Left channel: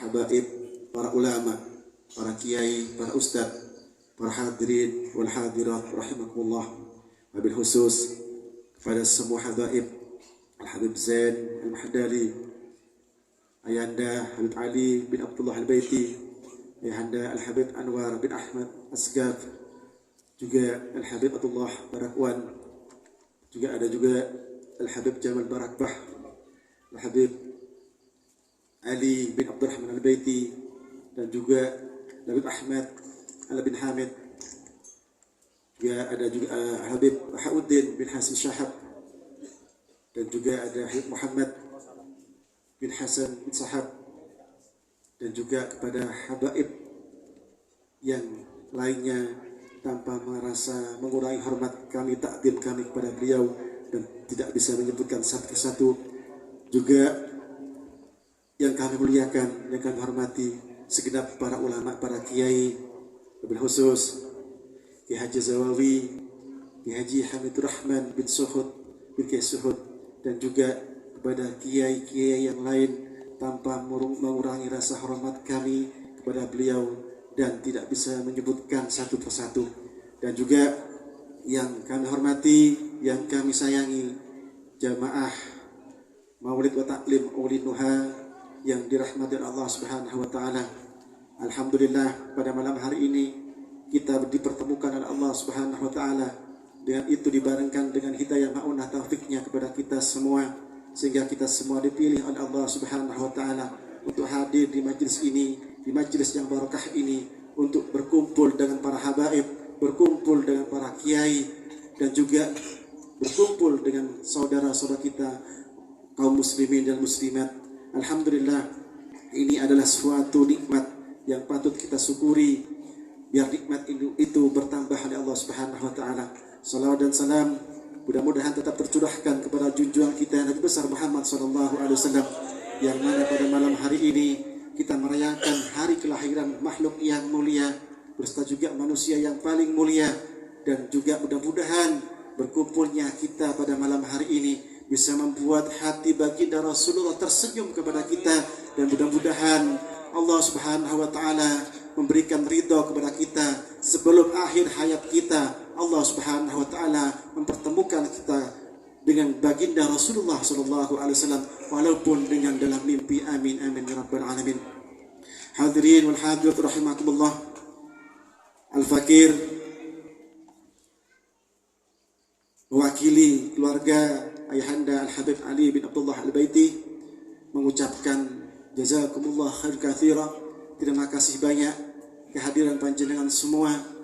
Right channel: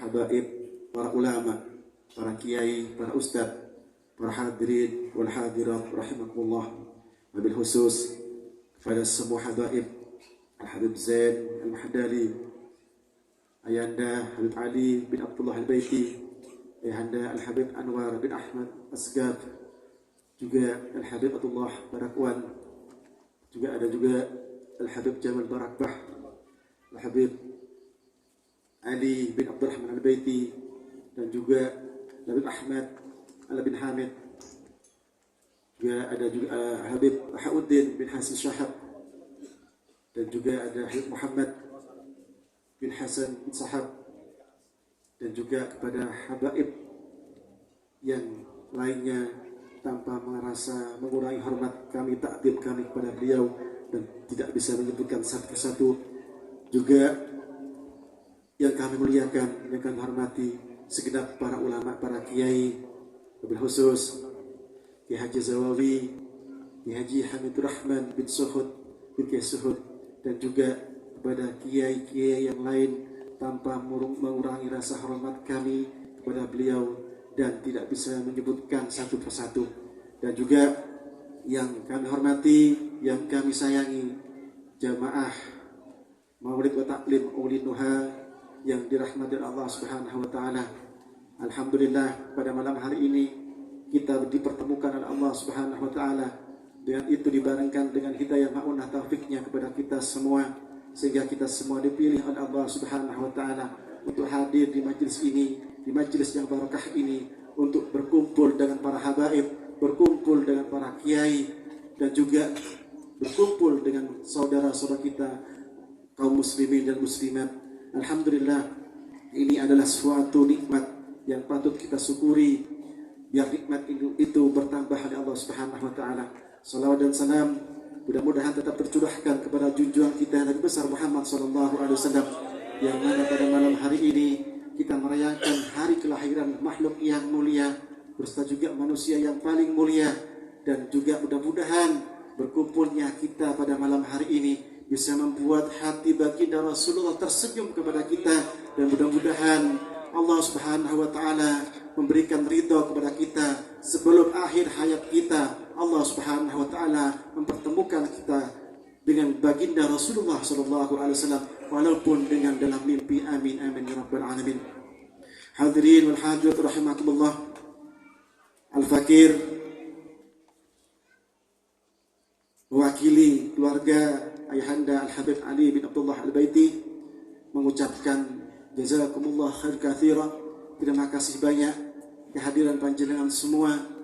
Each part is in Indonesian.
habaib, para ulama, para kiai, para ustadz, para hadirin wal hadirat rahimakumullah. Wabil khusus kepada semua habaib Al-Habib Zain Al-Mahdali, Ayahanda Habib Ali bin Abdullah Al-Baiti, Ayahanda Al-Habib Anwar bin Ahmad Asgaf, juga Al-Habib Abdullah Barakwan, juga ada juga Al-Habib Jamal Barakbah, Al-Habib Ali bin Abdurrahman Al-Baiti, dan juga Habib Ahmad Al bin Hamid, juga ada juga Habib Bahauddin bin Hasim Syahab, dan juga ada Habib Muhammad bin Hasan bin Sahab, dan juga kepada habaib yang lainnya tanpa merasa mengurangi hormat kami, takdim kami kepada beliau dan tidak bisa menyebutkan satu persatu, juga yang kami muliakan, yang kami hormati segenap para ulama, para kiai, wabil khusus Kiai Haji Zawawi, Kiai Haji Hamidur Rahman bin Suhud bin Kiai Suhud, dan juga kepada kiai-kiai yang lain tanpa mengurangi rasa hormat kami kepada beliau dan tidak bisa menyebutkan satu persatu. Dan juga yang kami hormati, yang kami sayangi, jamaah Maulid wa Taklim Maulid Nuha yang dirahmati Allah Subhanahu wa taala. Alhamdulillah, pada malam hari ini kita dipertemukan oleh Allah Subhanahu wa taala. Dengan itu dibarengkan dengan hidayah ma'unah taufiknya kepada kita semua, sehingga kita semua dipilih oleh Allah Subhanahu wa taala untuk hadir di majlis ini, di majlis yang barakah ini, untuk berkumpul dengan para habaib, berkumpul dengan para kiai, dan juga berkumpul dengan saudara-saudara kita kaum muslimin dan muslimat. Alhamdulillah, ini adalah suatu nikmat yang patut kita syukuri, biar nikmat itu bertambah oleh Allah Subhanahu wa taala. Salawat dan salam mudah-mudahan tetap tercurahkan kepada junjungan kita Nabi besar Muhammad sallallahu alaihi wasallam, yang mana pada malam hari ini kita merayakan hari kelahiran makhluk yang mulia berserta juga manusia yang paling mulia. Dan juga mudah-mudahan berkumpulnya kita pada malam hari ini bisa membuat hati baginda Rasulullah tersenyum kepada kita, dan mudah-mudahan Allah Subhanahu wa taala memberikan ridha kepada kita sebelum akhir hayat kita. Allah Subhanahu wa taala mempertemukan kita dengan baginda Rasulullah sallallahu alaihi wasallam walaupun dengan dalam mimpi. Amin amin ya rabbal alamin. Hadirin wal hadirat rahimakumullah. Al-Fakir mewakili keluarga Ayahanda Al-Habib Ali bin Abdullah Al-Baiti mengucapkan jazakumullah khair katsira. Terima kasih banyak kehadiran panjenengan semua.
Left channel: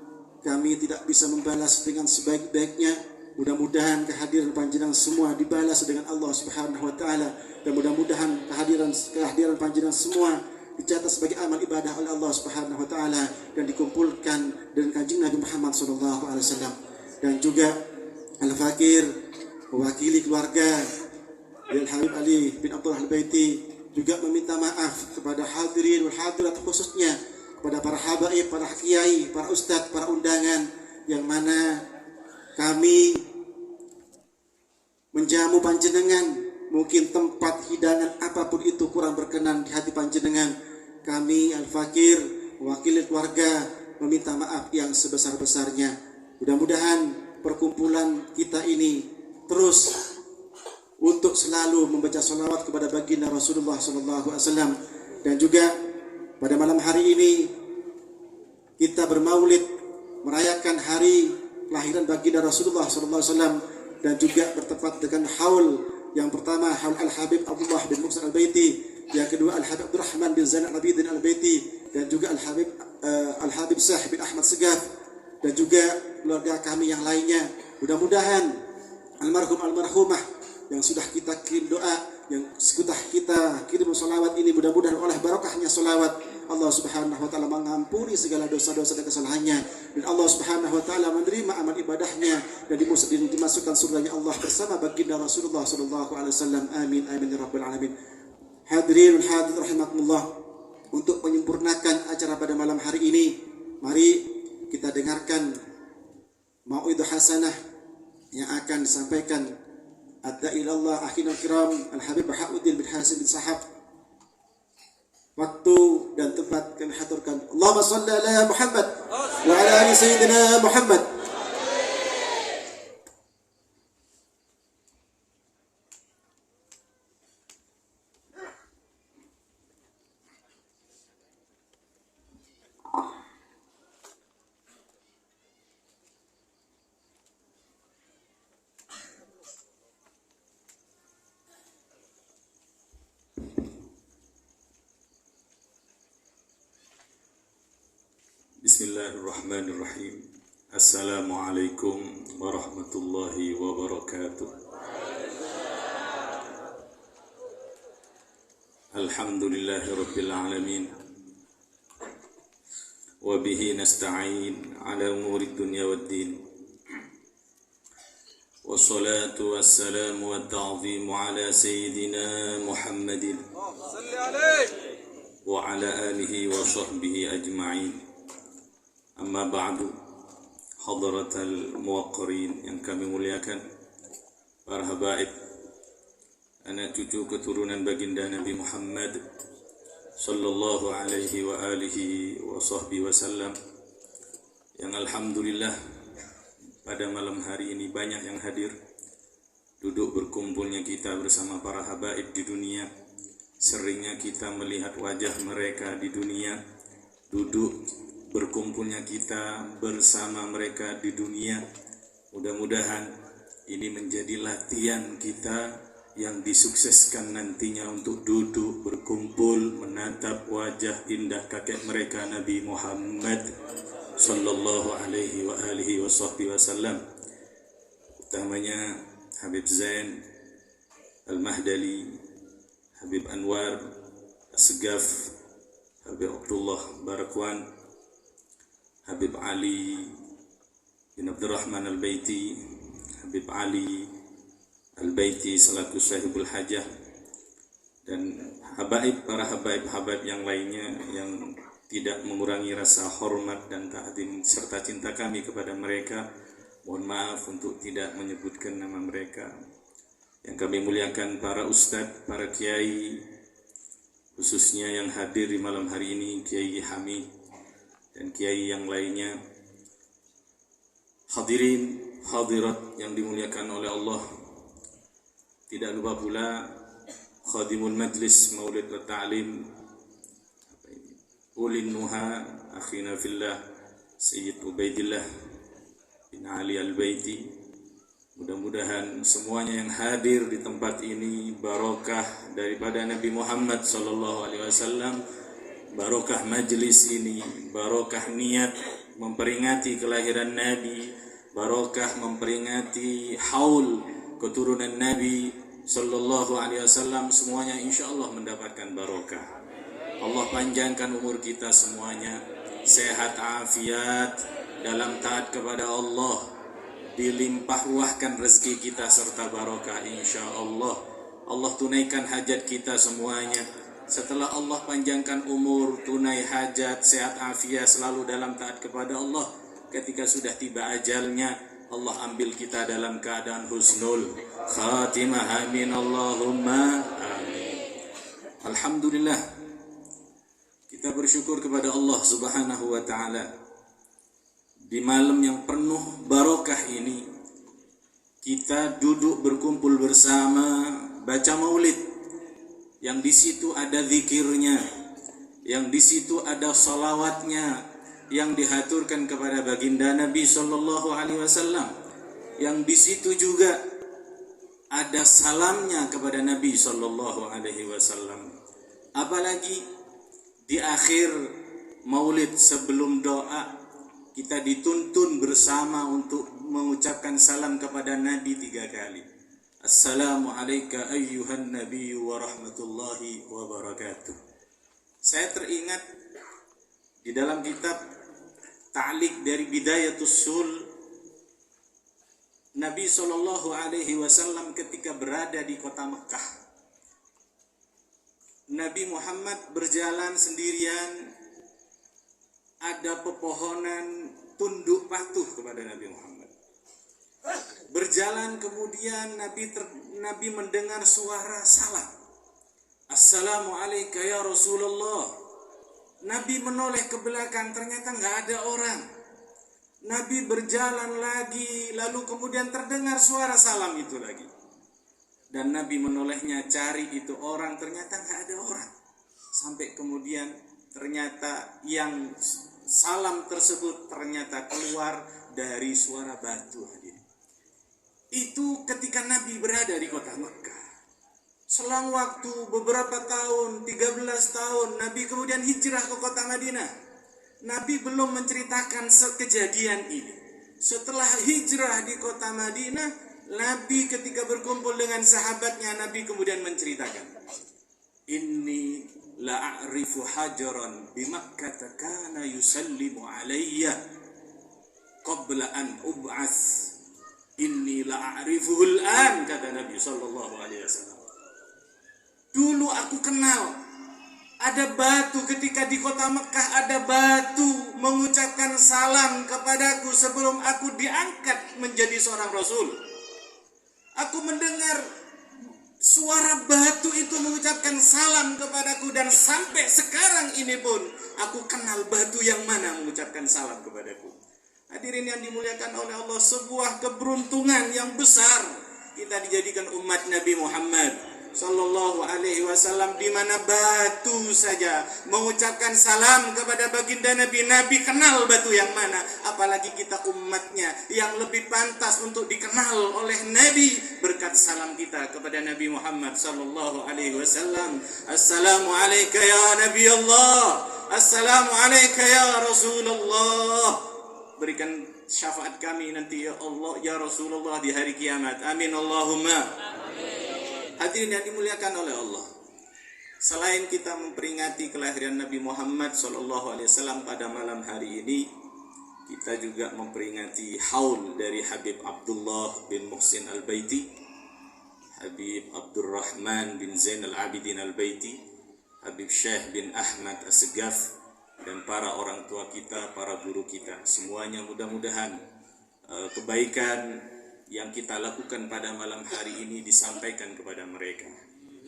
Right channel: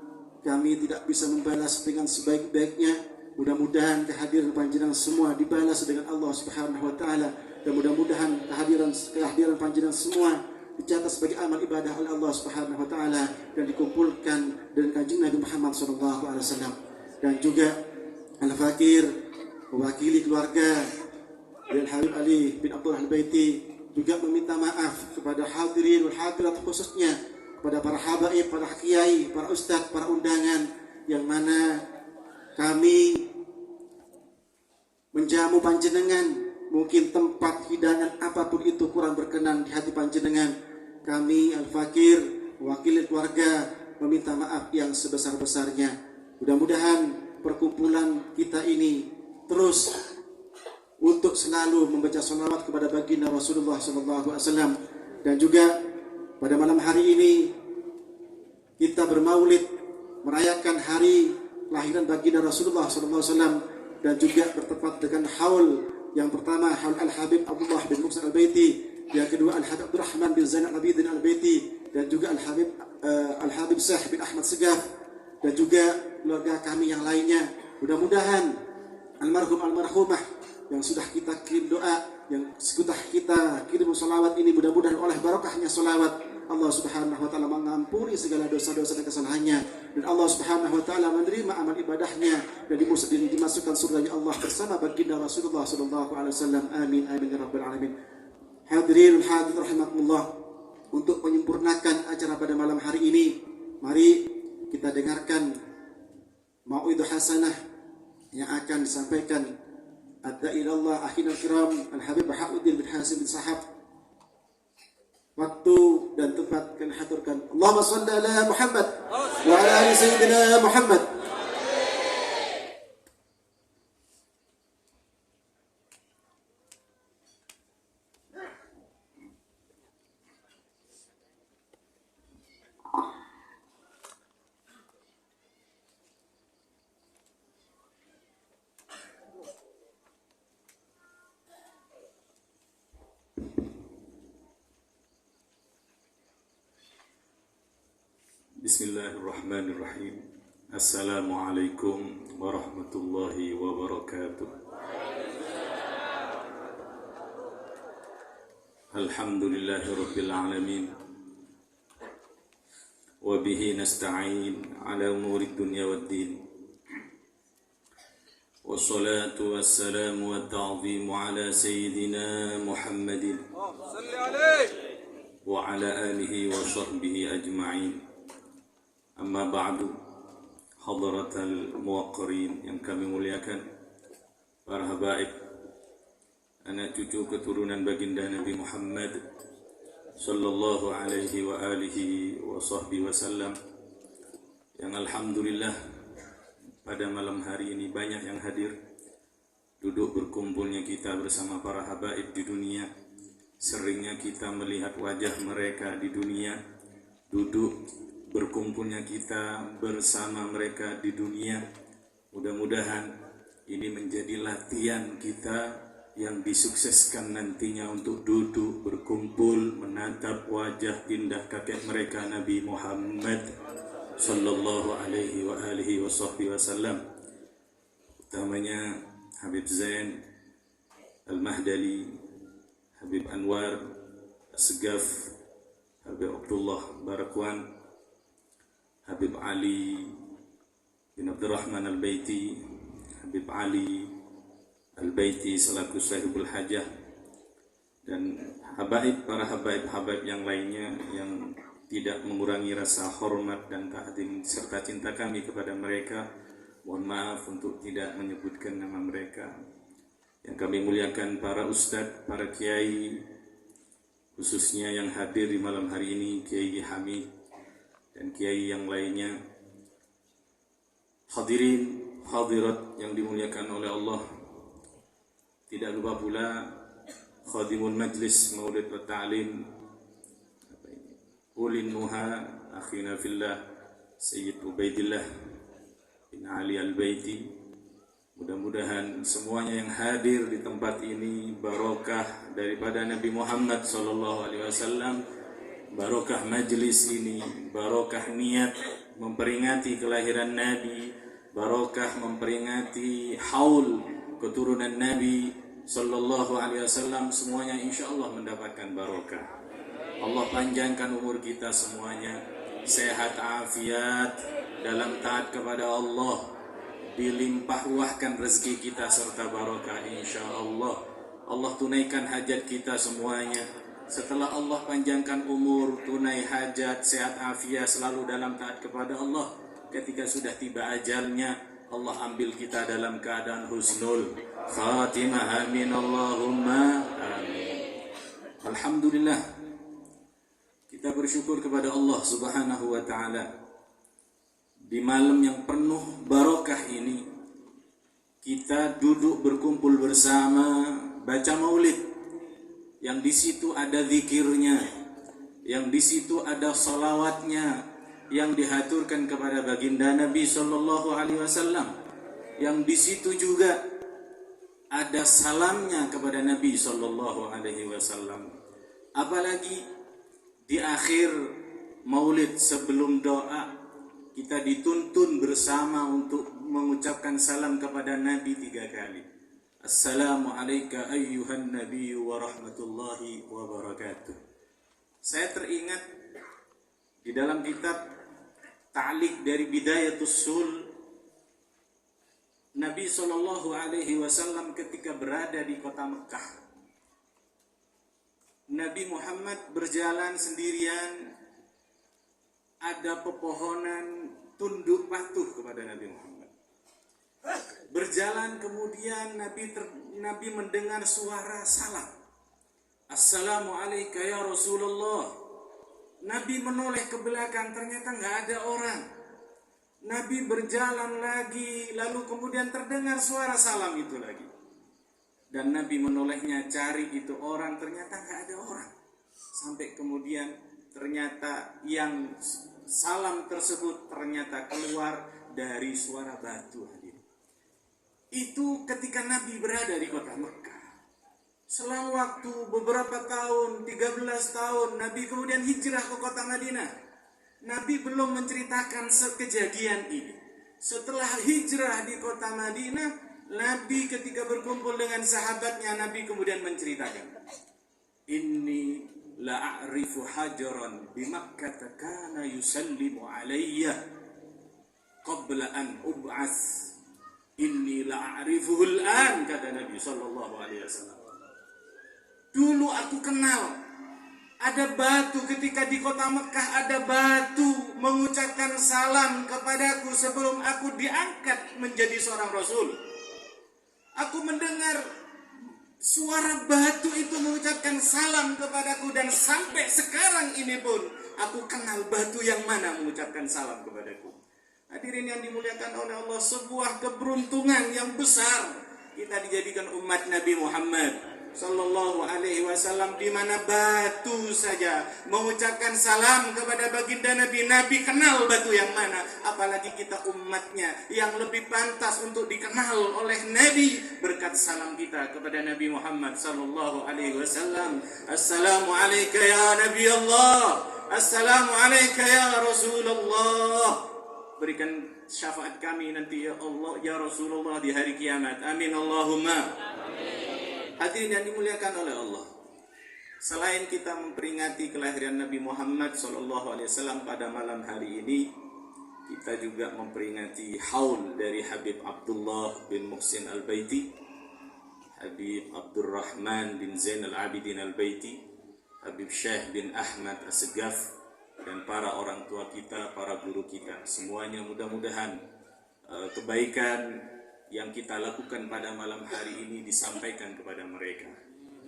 Kami tidak bisa membalas dengan sebaik-baiknya. Mudah-mudahan kehadiran panjenengan semua dibalas dengan Allah Subhanahu wa taala, dan mudah-mudahan kehadiran panjenengan semua dicatat sebagai amal ibadah oleh Allah Subhanahu wa taala dan dikumpulkan dengan kanjeng Nabi Muhammad sallallahu alaihi wasallam. Dan juga Al-Fakir mewakili keluarga Al-Habib Ali bin Abdullah Al-Baiti juga meminta maaf kepada hadirin wal hadirat, khususnya kepada para habaib, para kiai, para ustadz, para undangan, yang mana kami menjamu panjenengan, mungkin tempat hidangan apapun itu kurang berkenan di hati panjenengan. Kami Al-Fakir mewakili keluarga meminta maaf yang sebesar-besarnya. Mudah-mudahan perkumpulan kita ini terus untuk selalu membaca salawat kepada baginda Rasulullah SAW. Dan juga pada malam hari ini kita bermaulid merayakan hari kelahiran baginda Rasulullah SAW, dan juga bertepat dengan haul yang pertama, haul Al-Habib Abdullah bin Muhsin Al-Baiti, yang kedua Al-Habib Abdurrahman bin Zain Al-Abidin Al-Baiti, dan juga Al-Habib Syah bin Ahmad Segaf, dan juga keluarga kami yang lainnya. Mudah-mudahan almarhum almarhumah yang sudah kita kirim doa, yang sudah kita kirim salawat ini, mudah-mudahan oleh barakahnya salawat Allah Subhanahu wa taala mengampuni segala dosa-dosa dan kesalahannya, dan Allah Subhanahu wa taala menerima amal ibadahnya dan dimasukkan surganya Allah bersama baginda Rasulullah sallallahu alaihi wasallam. Amin amin ya rabbal alamin. Hadirin hadirat rahimakumullah, untuk menyempurnakan acara pada malam hari ini, mari kita dengarkan mau'idhah hasanah yang akan disampaikan ad-da'ilallah akhina kiram Al-Habib Bahauddin bin Hasim bin Sahab. Waktu dan tempat kami haturkan. Allahumma shalli ala Muhammad wa ala ali sayyidina Muhammad. Bismillahirrahmanirrahim. Assalamualaikum warahmatullahi wabarakatuh. Alhamdulillahi rabbil alamin. Wa bihi nasta'in ala umurid dunya waddin. Wassalatu wassalamu wa ta'zimu ala sayyidina Muhammadin wa ala alihi wa sahbihi ajma'in. Amma ba'du, hadratal muwaqqirin yang kami muliakan, para habaib, anak cucu keturunan baginda Nabi Muhammad sallallahu alaihi wa alihi wa sahbihi wasallam, yang alhamdulillah pada malam hari ini banyak yang hadir. Duduk berkumpulnya kita bersama para habaib di dunia, seringnya kita melihat wajah mereka di dunia. Duduk berkumpulnya kita bersama mereka di dunia, mudah-mudahan ini menjadi latihan kita yang disukseskan nantinya untuk duduk berkumpul menatap wajah indah kakek mereka Nabi Muhammad sallallahu alaihi wa alihi wasallam, utamanya Habib Zain Al-Mahdali, Habib Anwar As-Segaf, Habib Abdullah Barakwan, Habib Ali bin Abdurrahman Al-Baiti, Habib Ali Al-Baiti selaku Syahibul Hajah, dan habaib, para habaib yang lainnya yang tidak mengurangi rasa hormat dan ta'zim serta cinta kami kepada mereka. Mohon maaf untuk tidak menyebutkan nama mereka. Yang kami muliakan para ustadz, para kiai, khususnya yang hadir di malam hari ini, Kiai Hamid dan kiai yang lainnya, hadirin hadirat yang dimuliakan oleh Allah. Tidak lupa pula khadimul majlis maulid wa ta'lim, ulin nuha akhina fillah Sayyid Ubaidillah bin Ali Al-Baiti. Mudah-mudahan semuanya yang hadir di tempat ini barokah daripada Nabi Muhammad sallallahu alaihi wasallam, barokah majlis ini, barokah niat memperingati kelahiran Nabi, barokah memperingati haul keturunan Nabi sallallahu alaihi wasallam. Semuanya insyaallah mendapatkan barokah. Allah panjangkan umur kita semuanya, sehat afiat dalam taat kepada Allah, dilimpah ruahkan rezeki kita serta barokah insyaallah. Allah tunaikan hajat kita semuanya. Setelah Allah panjangkan umur, tunai hajat, sehat afiat, selalu dalam taat kepada Allah, ketika sudah tiba ajalnya, Allah ambil kita dalam keadaan husnul khatimah. Amin Allahumma amin. Alhamdulillah, kita bersyukur kepada Allah subhanahu wa ta'ala. Di malam yang penuh barokah ini, kita duduk berkumpul bersama baca maulid, yang di situ ada zikirnya, yang di situ ada salawatnya yang dihaturkan kepada baginda Nabi sallallahu alaihi wasallam, yang di situ juga ada salamnya kepada Nabi sallallahu alaihi wasallam. Apalagi di akhir maulid sebelum doa, kita dituntun bersama untuk mengucapkan salam kepada Nabi 3 kali. Assalamu alayka ayyuhan nabiyyu wa rahmatullahi wa barakatuh. Saya teringat di dalam kitab Ta'liq dari Bidayatus Sul, Nabi sallallahu alaihi wasallam ketika berada di kota Mekah, Nabi Muhammad berjalan sendirian, ada pepohonan tunduk patuh kepada Nabi Muhammad. Berjalan kemudian Nabi mendengar suara salam. Assalamu alayka ya Rasulullah. Nabi menoleh ke belakang, ternyata nggak ada orang. Nabi berjalan lagi, lalu kemudian terdengar suara salam itu lagi. Dan Nabi menolehnya cari itu orang, ternyata nggak ada orang. Sampai kemudian ternyata yang salam tersebut ternyata keluar dari suara batu. Itu ketika Nabi berada di kota Mekah. Selang waktu beberapa tahun, 13 tahun, Nabi kemudian hijrah ke kota Madinah. Nabi belum menceritakan kejadian ini. Setelah hijrah di kota Madinah, Nabi ketika berkumpul dengan sahabatnya, Nabi kemudian menceritakan, Inni la'arifu hajaran bimakkah kana yusallimu alayya qabla an ub'ats. Inni la'arifuhul an, kata Nabi sallallahu alaihi wasallam. Dulu aku kenal ada batu ketika di kota Mekah, ada batu mengucapkan salam kepadaku sebelum aku diangkat menjadi seorang rasul. Aku mendengar suara batu itu mengucapkan salam kepadaku, dan sampai sekarang ini pun aku kenal batu yang mana mengucapkan salam kepadaku. Hadirin yang dimuliakan oleh Allah, sebuah keberuntungan yang besar kita dijadikan umat Nabi Muhammad sallallahu alaihi wasallam, di mana batu saja mengucapkan salam kepada baginda Nabi. Nabi kenal batu yang mana, apalagi kita umatnya yang lebih pantas untuk dikenal oleh Nabi berkat salam kita kepada Nabi Muhammad sallallahu alaihi wasallam. Assalamu alayka ya Nabi Allah, assalamu alayka ya Rasulullah. Berikan syafaat kami nanti ya Allah, ya Rasulullah di hari kiamat. Amin Allahumma amin. Hadirin yang dimuliakan oleh Allah, selain kita memperingati kelahiran Nabi Muhammad SAW pada malam hari ini, kita juga memperingati haul dari Habib Abdullah bin Muhsin Al-Baiti, Habib Abdurrahman bin Zain Al-Abidin Al-Baiti, Habib Syekh bin Ahmad As-Segaf, dan para orang tua kita, para guru kita. Semuanya mudah-mudahan kebaikan yang kita lakukan pada malam hari ini disampaikan kepada mereka.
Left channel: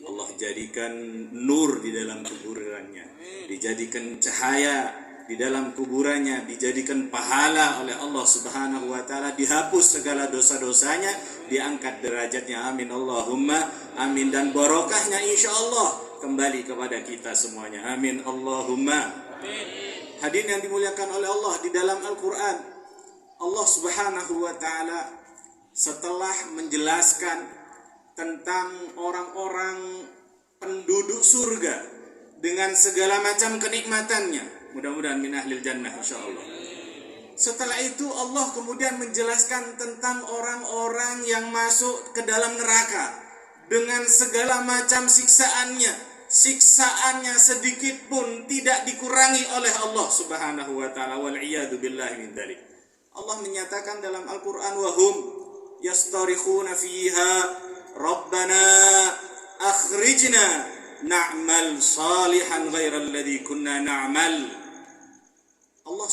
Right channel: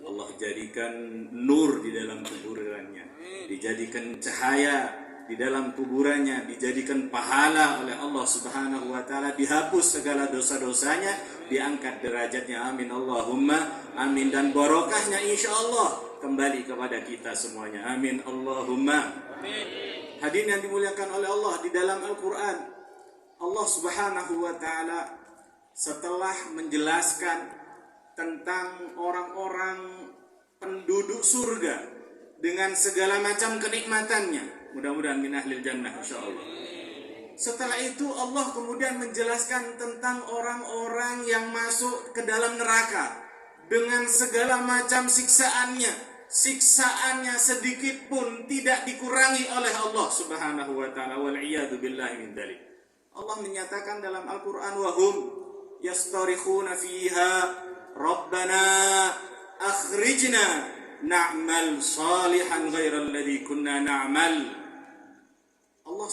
Allah jadikan nur di dalam kuburannya, dijadikan cahaya di dalam kuburannya, dijadikan pahala oleh Allah Subhanahu wa taala, dihapus segala dosa-dosanya, diangkat derajatnya. Amin Allahumma amin. Dan barokahnya insyaallah kembali kepada kita semuanya. Amin Allahumma amin. Hadirin yang dimuliakan oleh Allah, di dalam Al-Qur'an Allah Subhanahu wa taala setelah menjelaskan tentang orang-orang penduduk surga dengan segala macam kenikmatannya, mudah-mudahan min ahlil jannah insyaallah. Setelah itu Allah kemudian menjelaskan tentang orang-orang yang masuk ke dalam neraka dengan segala macam siksaannya. Siksaannya sedikit pun tidak dikurangi oleh Allah Subhanahu wa taala, wal iyadu billahi min dzalik. Allah menyatakan dalam Al-Qur'an, wahum yastarikhuna fiha rabbana akhrijna na'mal salihan ghairal ladzi kunna na'mal. Allah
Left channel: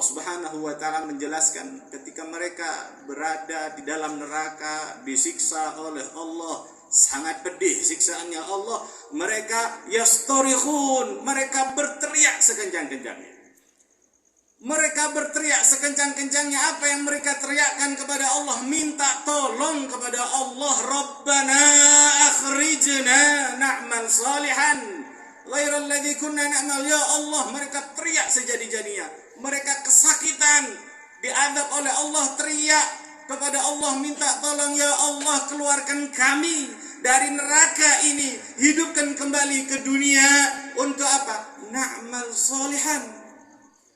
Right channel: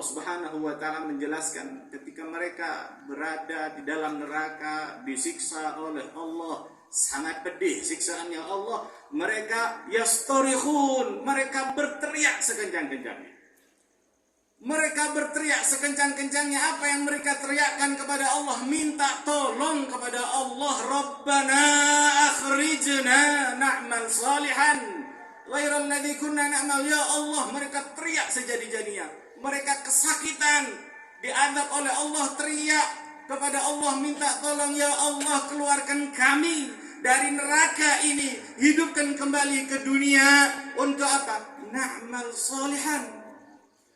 Subhanahu wa taala menjelaskan ketika mereka berada di dalam neraka, disiksa oleh Allah, sangat pedih siksaannya Allah, mereka yastarikhun, mereka berteriak sekencang-kencangnya. Mereka berteriak sekencang-kencangnya. Apa yang mereka teriakkan kepada Allah? Minta tolong kepada Allah. Rabbana akhrijna na'mal salihan ghairal ladzi kunna na'mal. Ya Allah, mereka teriak sejadi-jadinya. Mereka kesakitan, diadab oleh Allah, teriak kepada Allah, minta tolong, ya Allah, keluarkan kami dari neraka ini, hidupkan kembali ke dunia. Untuk apa? Na'mal salihan,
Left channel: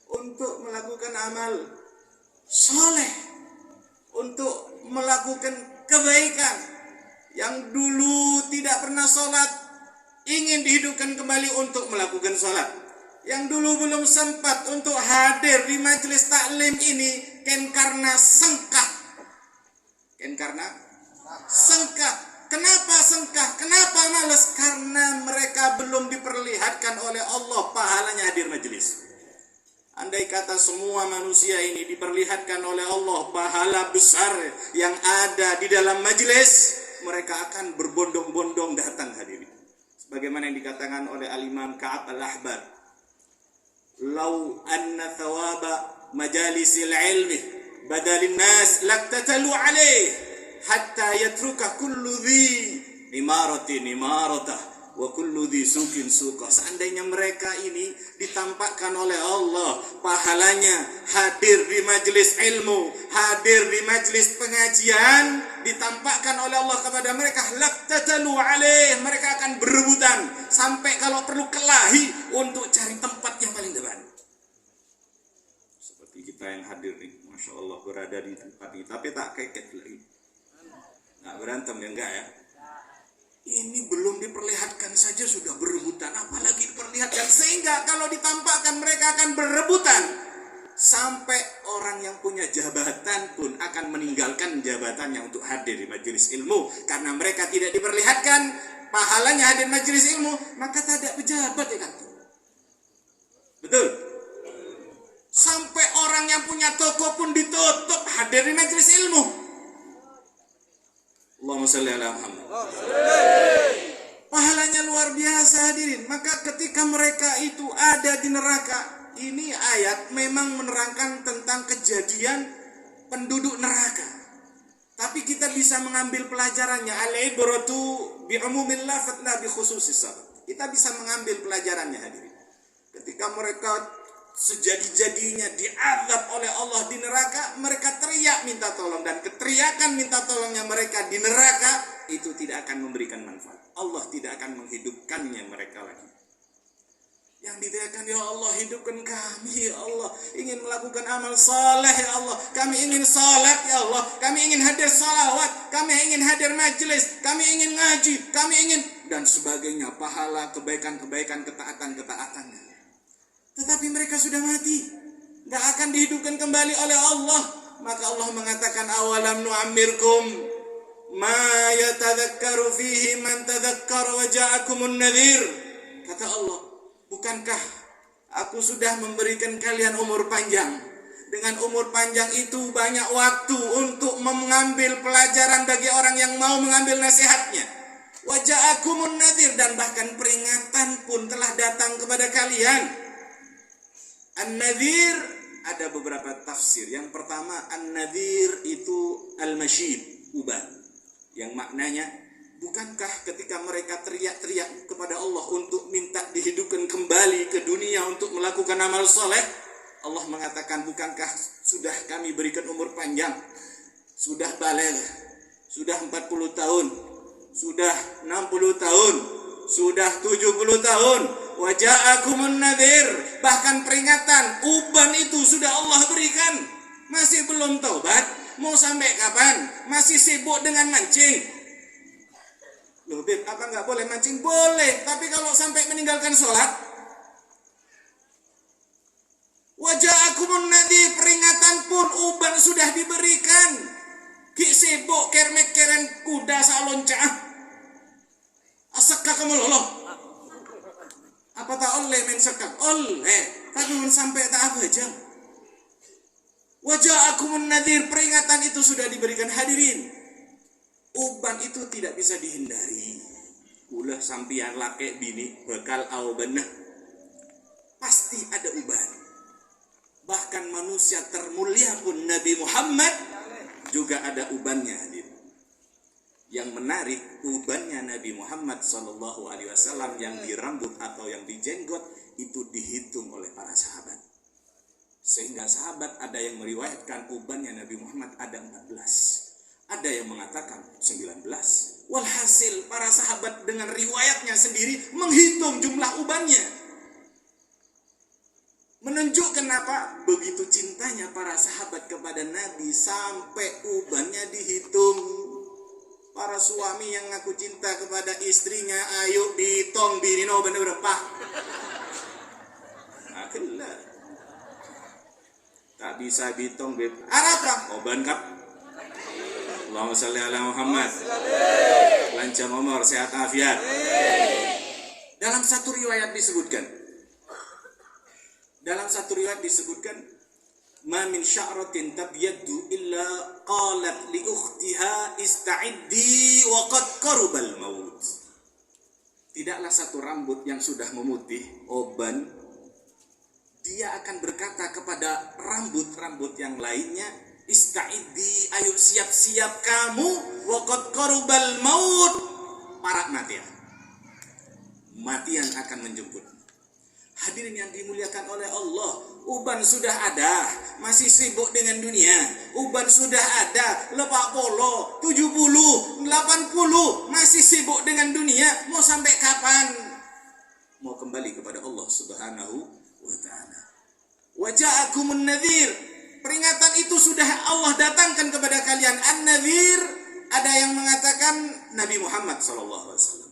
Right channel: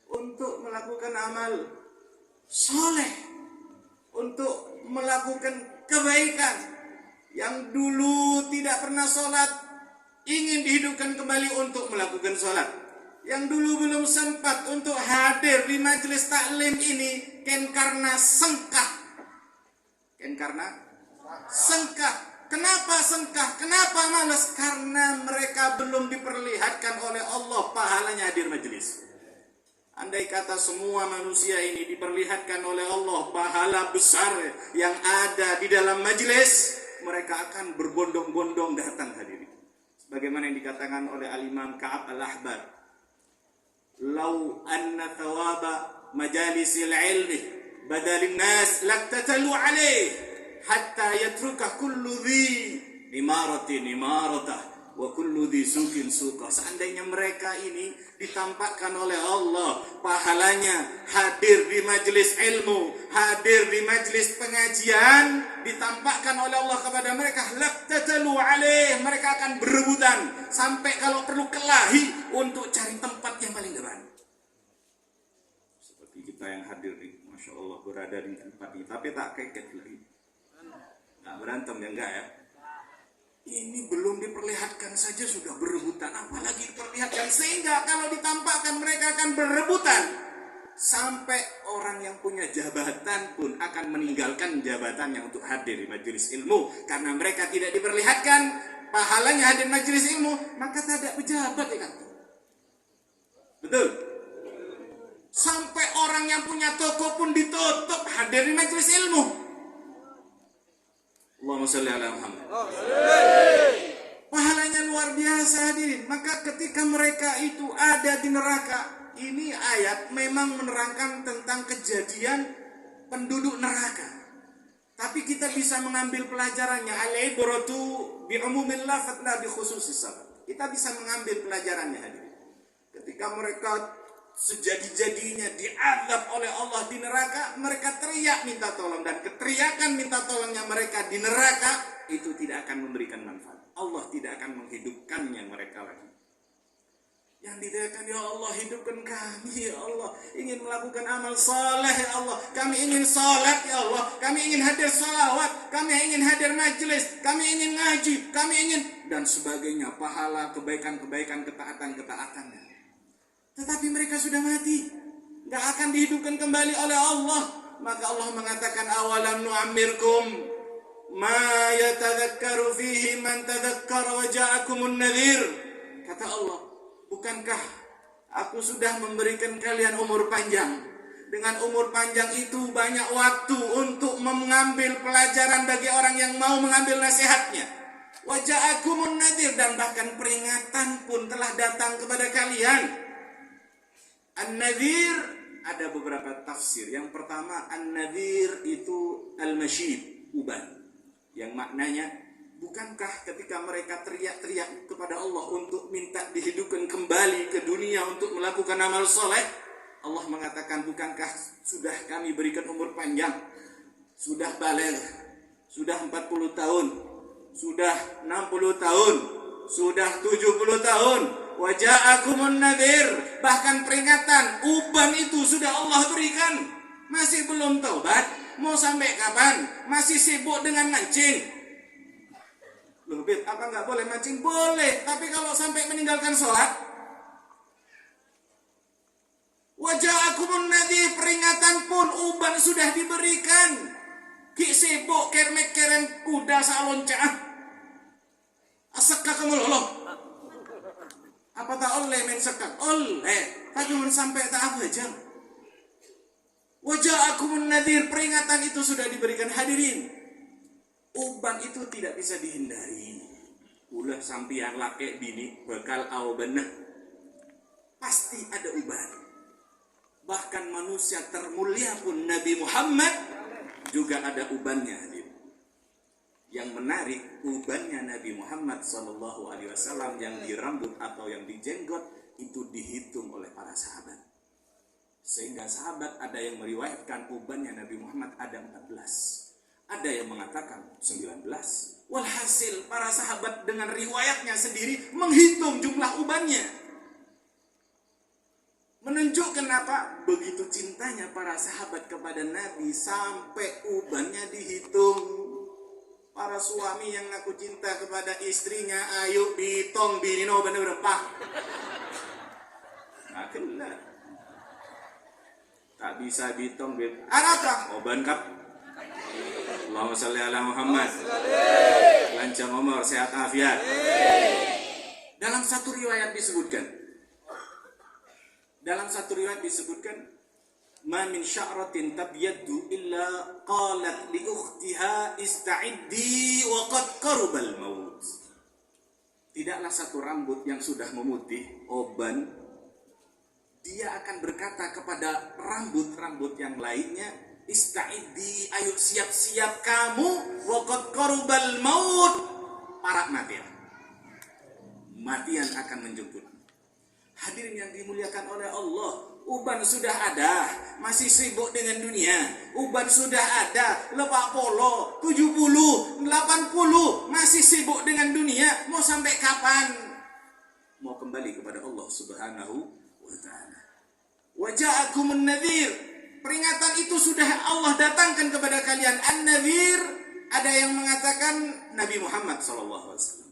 untuk melakukan amal soleh, untuk melakukan kebaikan. Yang dulu tidak pernah sholat, ingin dihidupkan kembali untuk melakukan sholat. Yang dulu belum sempat untuk hadir di majelis taklim ini, karena sengkak. Kenapa sengkak? Kenapa malas? Karena mereka belum diperlihatkan oleh Allah pahalanya hadir majelis. Andai kata semua manusia ini diperlihatkan oleh Allah pahala besar yang ada di dalam majelis, mereka akan berbondong-bondong datang hadirin. Sebagaimana yang dikatakan oleh Al-Imam Ka'ab Al-Ahbar, "Lau anna thawaba majalisil ilmi badalin nas laktatalu alaih hatta yatruka kullu dhi imaratin imaratah wa kullu dhi sukin suka." Seandainya mereka ini ditampakkan oleh Allah pahalanya hadir di majelis ilmu, hadir di majelis pengajian, ditampakkan oleh Allah kepada mereka, laktatalu alaih, mereka akan berebutan sampai kalau perlu kelahi untuk cari tempat yang paling depan. Seperti kita yang hadir nih, Masya Allah, berada di tempat ini, tapi tak keket lagi, nggak berantem ya, enggak ya. Ini belum diperlihatkan saja sudah berebutan, apalagi diperlihatkan, sehingga kalau ditampakkan mereka akan berebutan sampai orang yang punya jabatan pun akan meninggalkan jabatannya untuk hadir di majelis ilmu, karena mereka tidak diperlihatkan pahalanya hadir di majelis ilmu, maka tak ada pejabat ya kan? Betul? Sampai orang yang punya toko pun ditutup hadir di majelis ilmu. Allahumma sholli ala Muhammad. Pahalanya luar biasa hadirin. Maka ketika mereka itu ada di neraka, ini ayat memang menerangkan tentang kejadian penduduk neraka. Tapi kita bisa mengambil pelajarannya. Al-ibratu bi'umumil lafadz la bi khususis sabab. Kita bisa mengambil pelajarannya hadirin. Ketika mereka sejadi-jadinya diazab oleh Allah di neraka, mereka teriak minta tolong, dan keteriakan minta tolongnya mereka di neraka itu tidak akan memberikan manfaat. Allah tidak akan menghidupkannya mereka lagi. Yang diteriakan, ya Allah hidupkan kami, ya Allah ingin melakukan amal saleh, ya Allah kami ingin salat, ya Allah kami ingin hadir salawat, kami ingin hadir majelis, kami ingin ngaji, kami ingin dan sebagainya, pahala, kebaikan-kebaikan, ketaatan-ketaatan. Tetapi mereka sudah mati, gak akan dihidupkan kembali oleh Allah. Maka Allah mengatakan, awalam nu'ammirkum ma yatadhakkaru fihi man tadhakkara wa ja'akumun nadhir. Kata Allah, bukankah aku sudah memberikan kalian umur panjang? Dengan umur panjang itu banyak waktu untuk mengambil pelajaran bagi orang yang mau mengambil nasihatnya. Wa ja'akumun nadhir, dan bahkan peringatan pun telah datang kepada kalian. An-nadhir ada beberapa tafsir. Yang pertama, an-nadhir itu al-masyid, uban, yang maknanya, bukankah ketika mereka teriak-teriak kepada Allah untuk minta dihidupkan kembali ke dunia untuk melakukan amal soleh, Allah mengatakan, bukankah sudah kami berikan umur panjang, sudah baligh, sudah 40 tahun, sudah 60 tahun, sudah 70 tahun, waja'akumun nadhir, bahkan peringatan, uban itu sudah Allah berikan. Masih belum taubat, mau sampai kapan? Masih sibuk dengan mancing. Loh Beb, apa nggak boleh mancing? Boleh, tapi kalau sampai meninggalkan sholat. Waja'akumun nadhir, peringatan pun uban sudah diberikan. Ki sibuk kermet-kerem kuda saloncah. Asakka kamu loh. Apa tak oleh men sekak? Oleh, tapi men sampai tak apa jam. Waja'akumun nadhir, peringatan itu sudah diberikan hadirin. Uban itu tidak bisa dihindari. Ulah sampian laki bini bakal aubana. Pasti ada uban. Bahkan manusia termulia pun Nabi Muhammad juga ada ubannya hadirin. Yang menarik, ubannya Nabi Muhammad SAW yang di rambut atau yang di jenggot itu dihitung oleh para sahabat. Sehingga sahabat ada yang meriwayatkan ubannya Nabi Muhammad ada 14. Ada yang mengatakan 19. Walhasil para sahabat dengan riwayatnya sendiri menghitung jumlah ubannya. Menunjukkan apa? Begitu cintanya para sahabat kepada Nabi sampai ubannya dihitung. Para suami yang ngaku cinta kepada istrinya, ayo ditong bini no bener-bener pah. Nah, kelah. Tak bisa ditong beb. Apa? Oban kap. Allahumma sholli ala Muhammad. Lancar umur, sehat afiat. Dalam satu riwayat disebutkan, ma min sya'ratin tabyaddu illa qalat li ukhtiha ista'iddi wa qad qarubal maut. tidaklah satu rambut yang sudah memutih, oban, dia akan berkata kepada rambut-rambut yang lainnya, ista'iddi, ayo siap-siap kamu, waqad qarubal maut, para matian akan menjemput. Hadirin yang dimuliakan oleh Allah, uban sudah ada, masih sibuk dengan dunia. Uban sudah ada, 80, 70, 80, masih sibuk dengan dunia. Mau sampai kapan? Mau kembali kepada Allah Subhanahu wa ta'ala. Wa ja'akumun nadhir, peringatan itu sudah Allah datangkan kepada kalian. An-nadhir, ada yang mengatakan Nabi Muhammad SAW.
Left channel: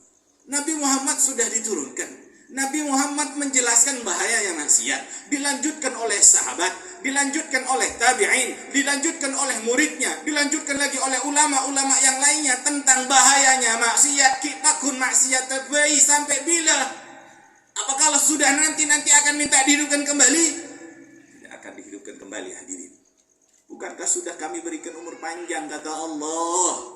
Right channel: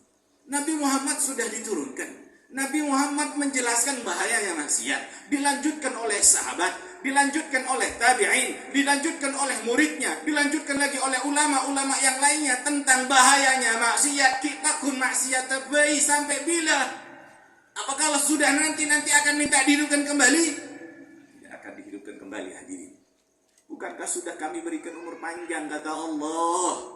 Nabi Muhammad sudah diturunkan. Nabi Muhammad menjelaskan bahaya yang maksiat, dilanjutkan oleh sahabat, dilanjutkan oleh tabi'in, dilanjutkan oleh muridnya, dilanjutkan lagi oleh ulama-ulama yang lainnya tentang bahayanya maksiat. Kita kun maksiat tabai sampai bila? Apakah sudah nanti akan minta dihidupkan kembali? Tidak akan dihidupkan kembali, hadirin. Bukankah sudah kami berikan umur panjang, kata Allah.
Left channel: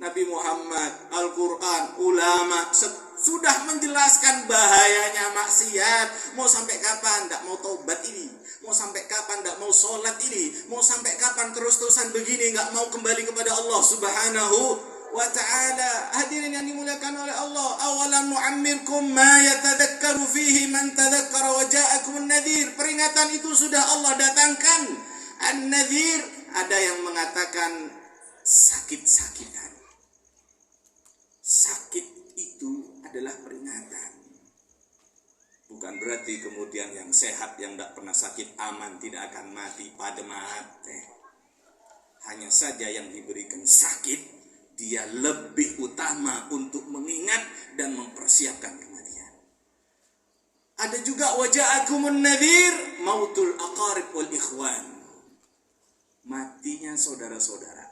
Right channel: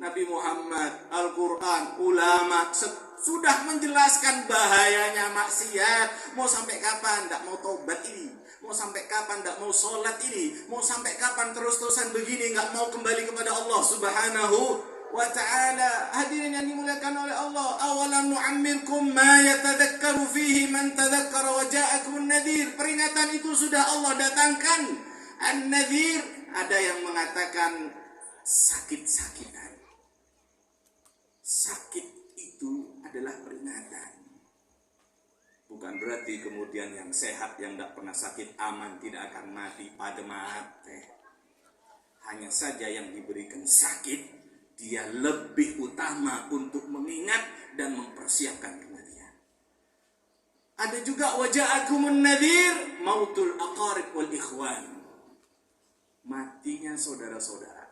Nabi Muhammad, Al-Quran, ulama sudah menjelaskan bahayanya maksiat. Mau sampai kapan tidak mau taubat ini? Mau sampai kapan tidak mau sholat ini? Mau sampai kapan terus-terusan begini nggak mau kembali kepada Allah Subhanahu wa ta'ala? Hadirin yang dimuliakan oleh Allah, awalam nu'ammirkum ma yatadhakkaru fihi man tadhakkara wa ja'akumun nadhir. Peringatan itu sudah Allah datangkan. An-nadhir, ada yang mengatakan sakit-sakitan. Sakit itu adalah peringatan. Bukan berarti kemudian yang sehat, yang tidak pernah sakit, aman, tidak akan mati pada mati. Hanya saja yang diberikan sakit, dia lebih utama untuk mengingat dan mempersiapkan kematian. Ada juga waja'akumun nadhir, mautul aqarib wal ikhwan. Matinya saudara-saudara,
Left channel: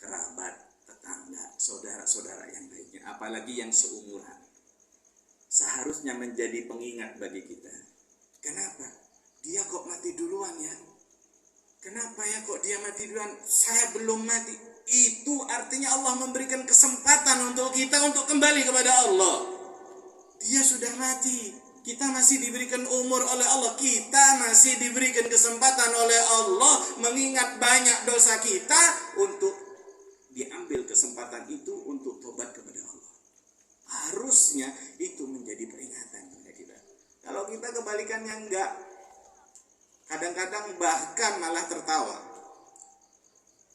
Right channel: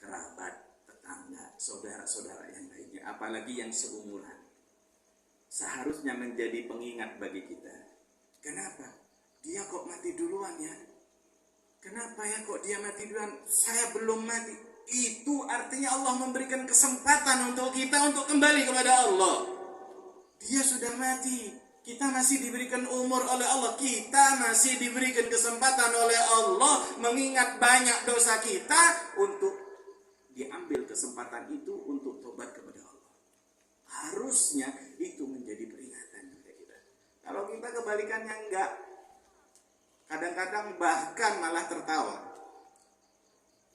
kerabat, tetangga, saudara-saudara yang lainnya, apalagi yang seumuran. Seharusnya menjadi pengingat bagi kita. Kenapa? Dia kok mati duluan ya? Kenapa ya kok dia mati duluan? Saya belum mati. Itu artinya Allah memberikan kesempatan untuk kita untuk kembali kepada Allah. Dia sudah mati. Kita masih diberikan umur oleh Allah. Kita masih diberikan kesempatan oleh Allah mengingat banyak dosa kita untuk diambil kesempatan itu untuk tobat kepada Allah. Harusnya itu menjadi peringatan kepada kita. Kalau kita kebalikannya enggak, kadang-kadang bahkan malah tertawa.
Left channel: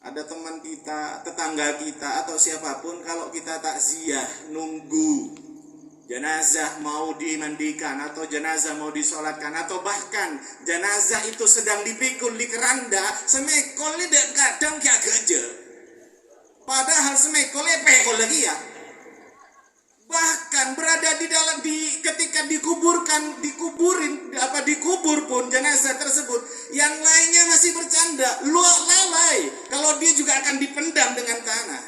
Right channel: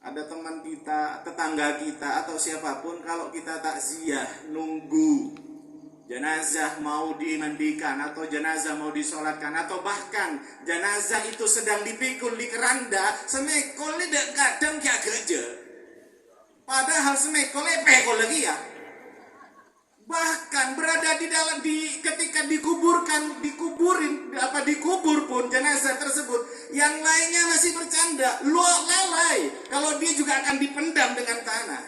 Ada teman kita, tetangga kita, atau siapapun, kalau kita takziah, nunggu jenazah mau dimandikan, atau jenazah mau disolatkan, atau bahkan jenazah itu sedang dipikul di keranda, semekol ini kadang kayak gajah. Padahal semekolnya pekol lagi ya. Bahkan berada di dalam ketika dikubur pun jenazah tersebut, yang lainnya masih bercanda, lalai. Kalau dia juga akan dipendam dengan tanah.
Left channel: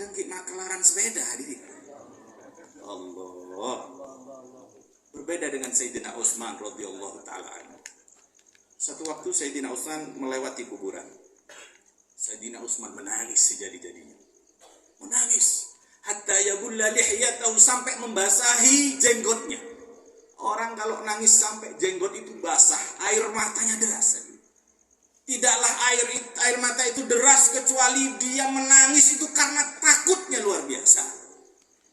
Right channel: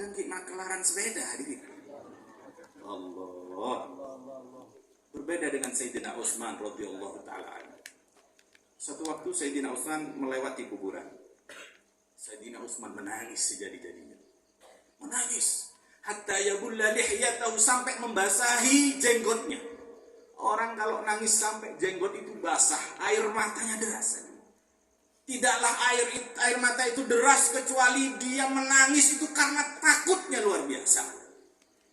Dengki makelaran sepeda hadirin. Allah. Berbeda dengan Sayyidina Utsman radhiyallahu taala. Satu waktu Sayyidina Utsman melewati kuburan. Sayyidina Utsman menangis sejadi-jadinya. Menangis. Hatta yabulla lihyatahu, sampai membasahi jenggotnya. Orang kalau nangis sampai jenggot itu basah, air matanya deras. Tidaklah air mata itu deras kecuali dia menangis itu karena takutnya luar biasa.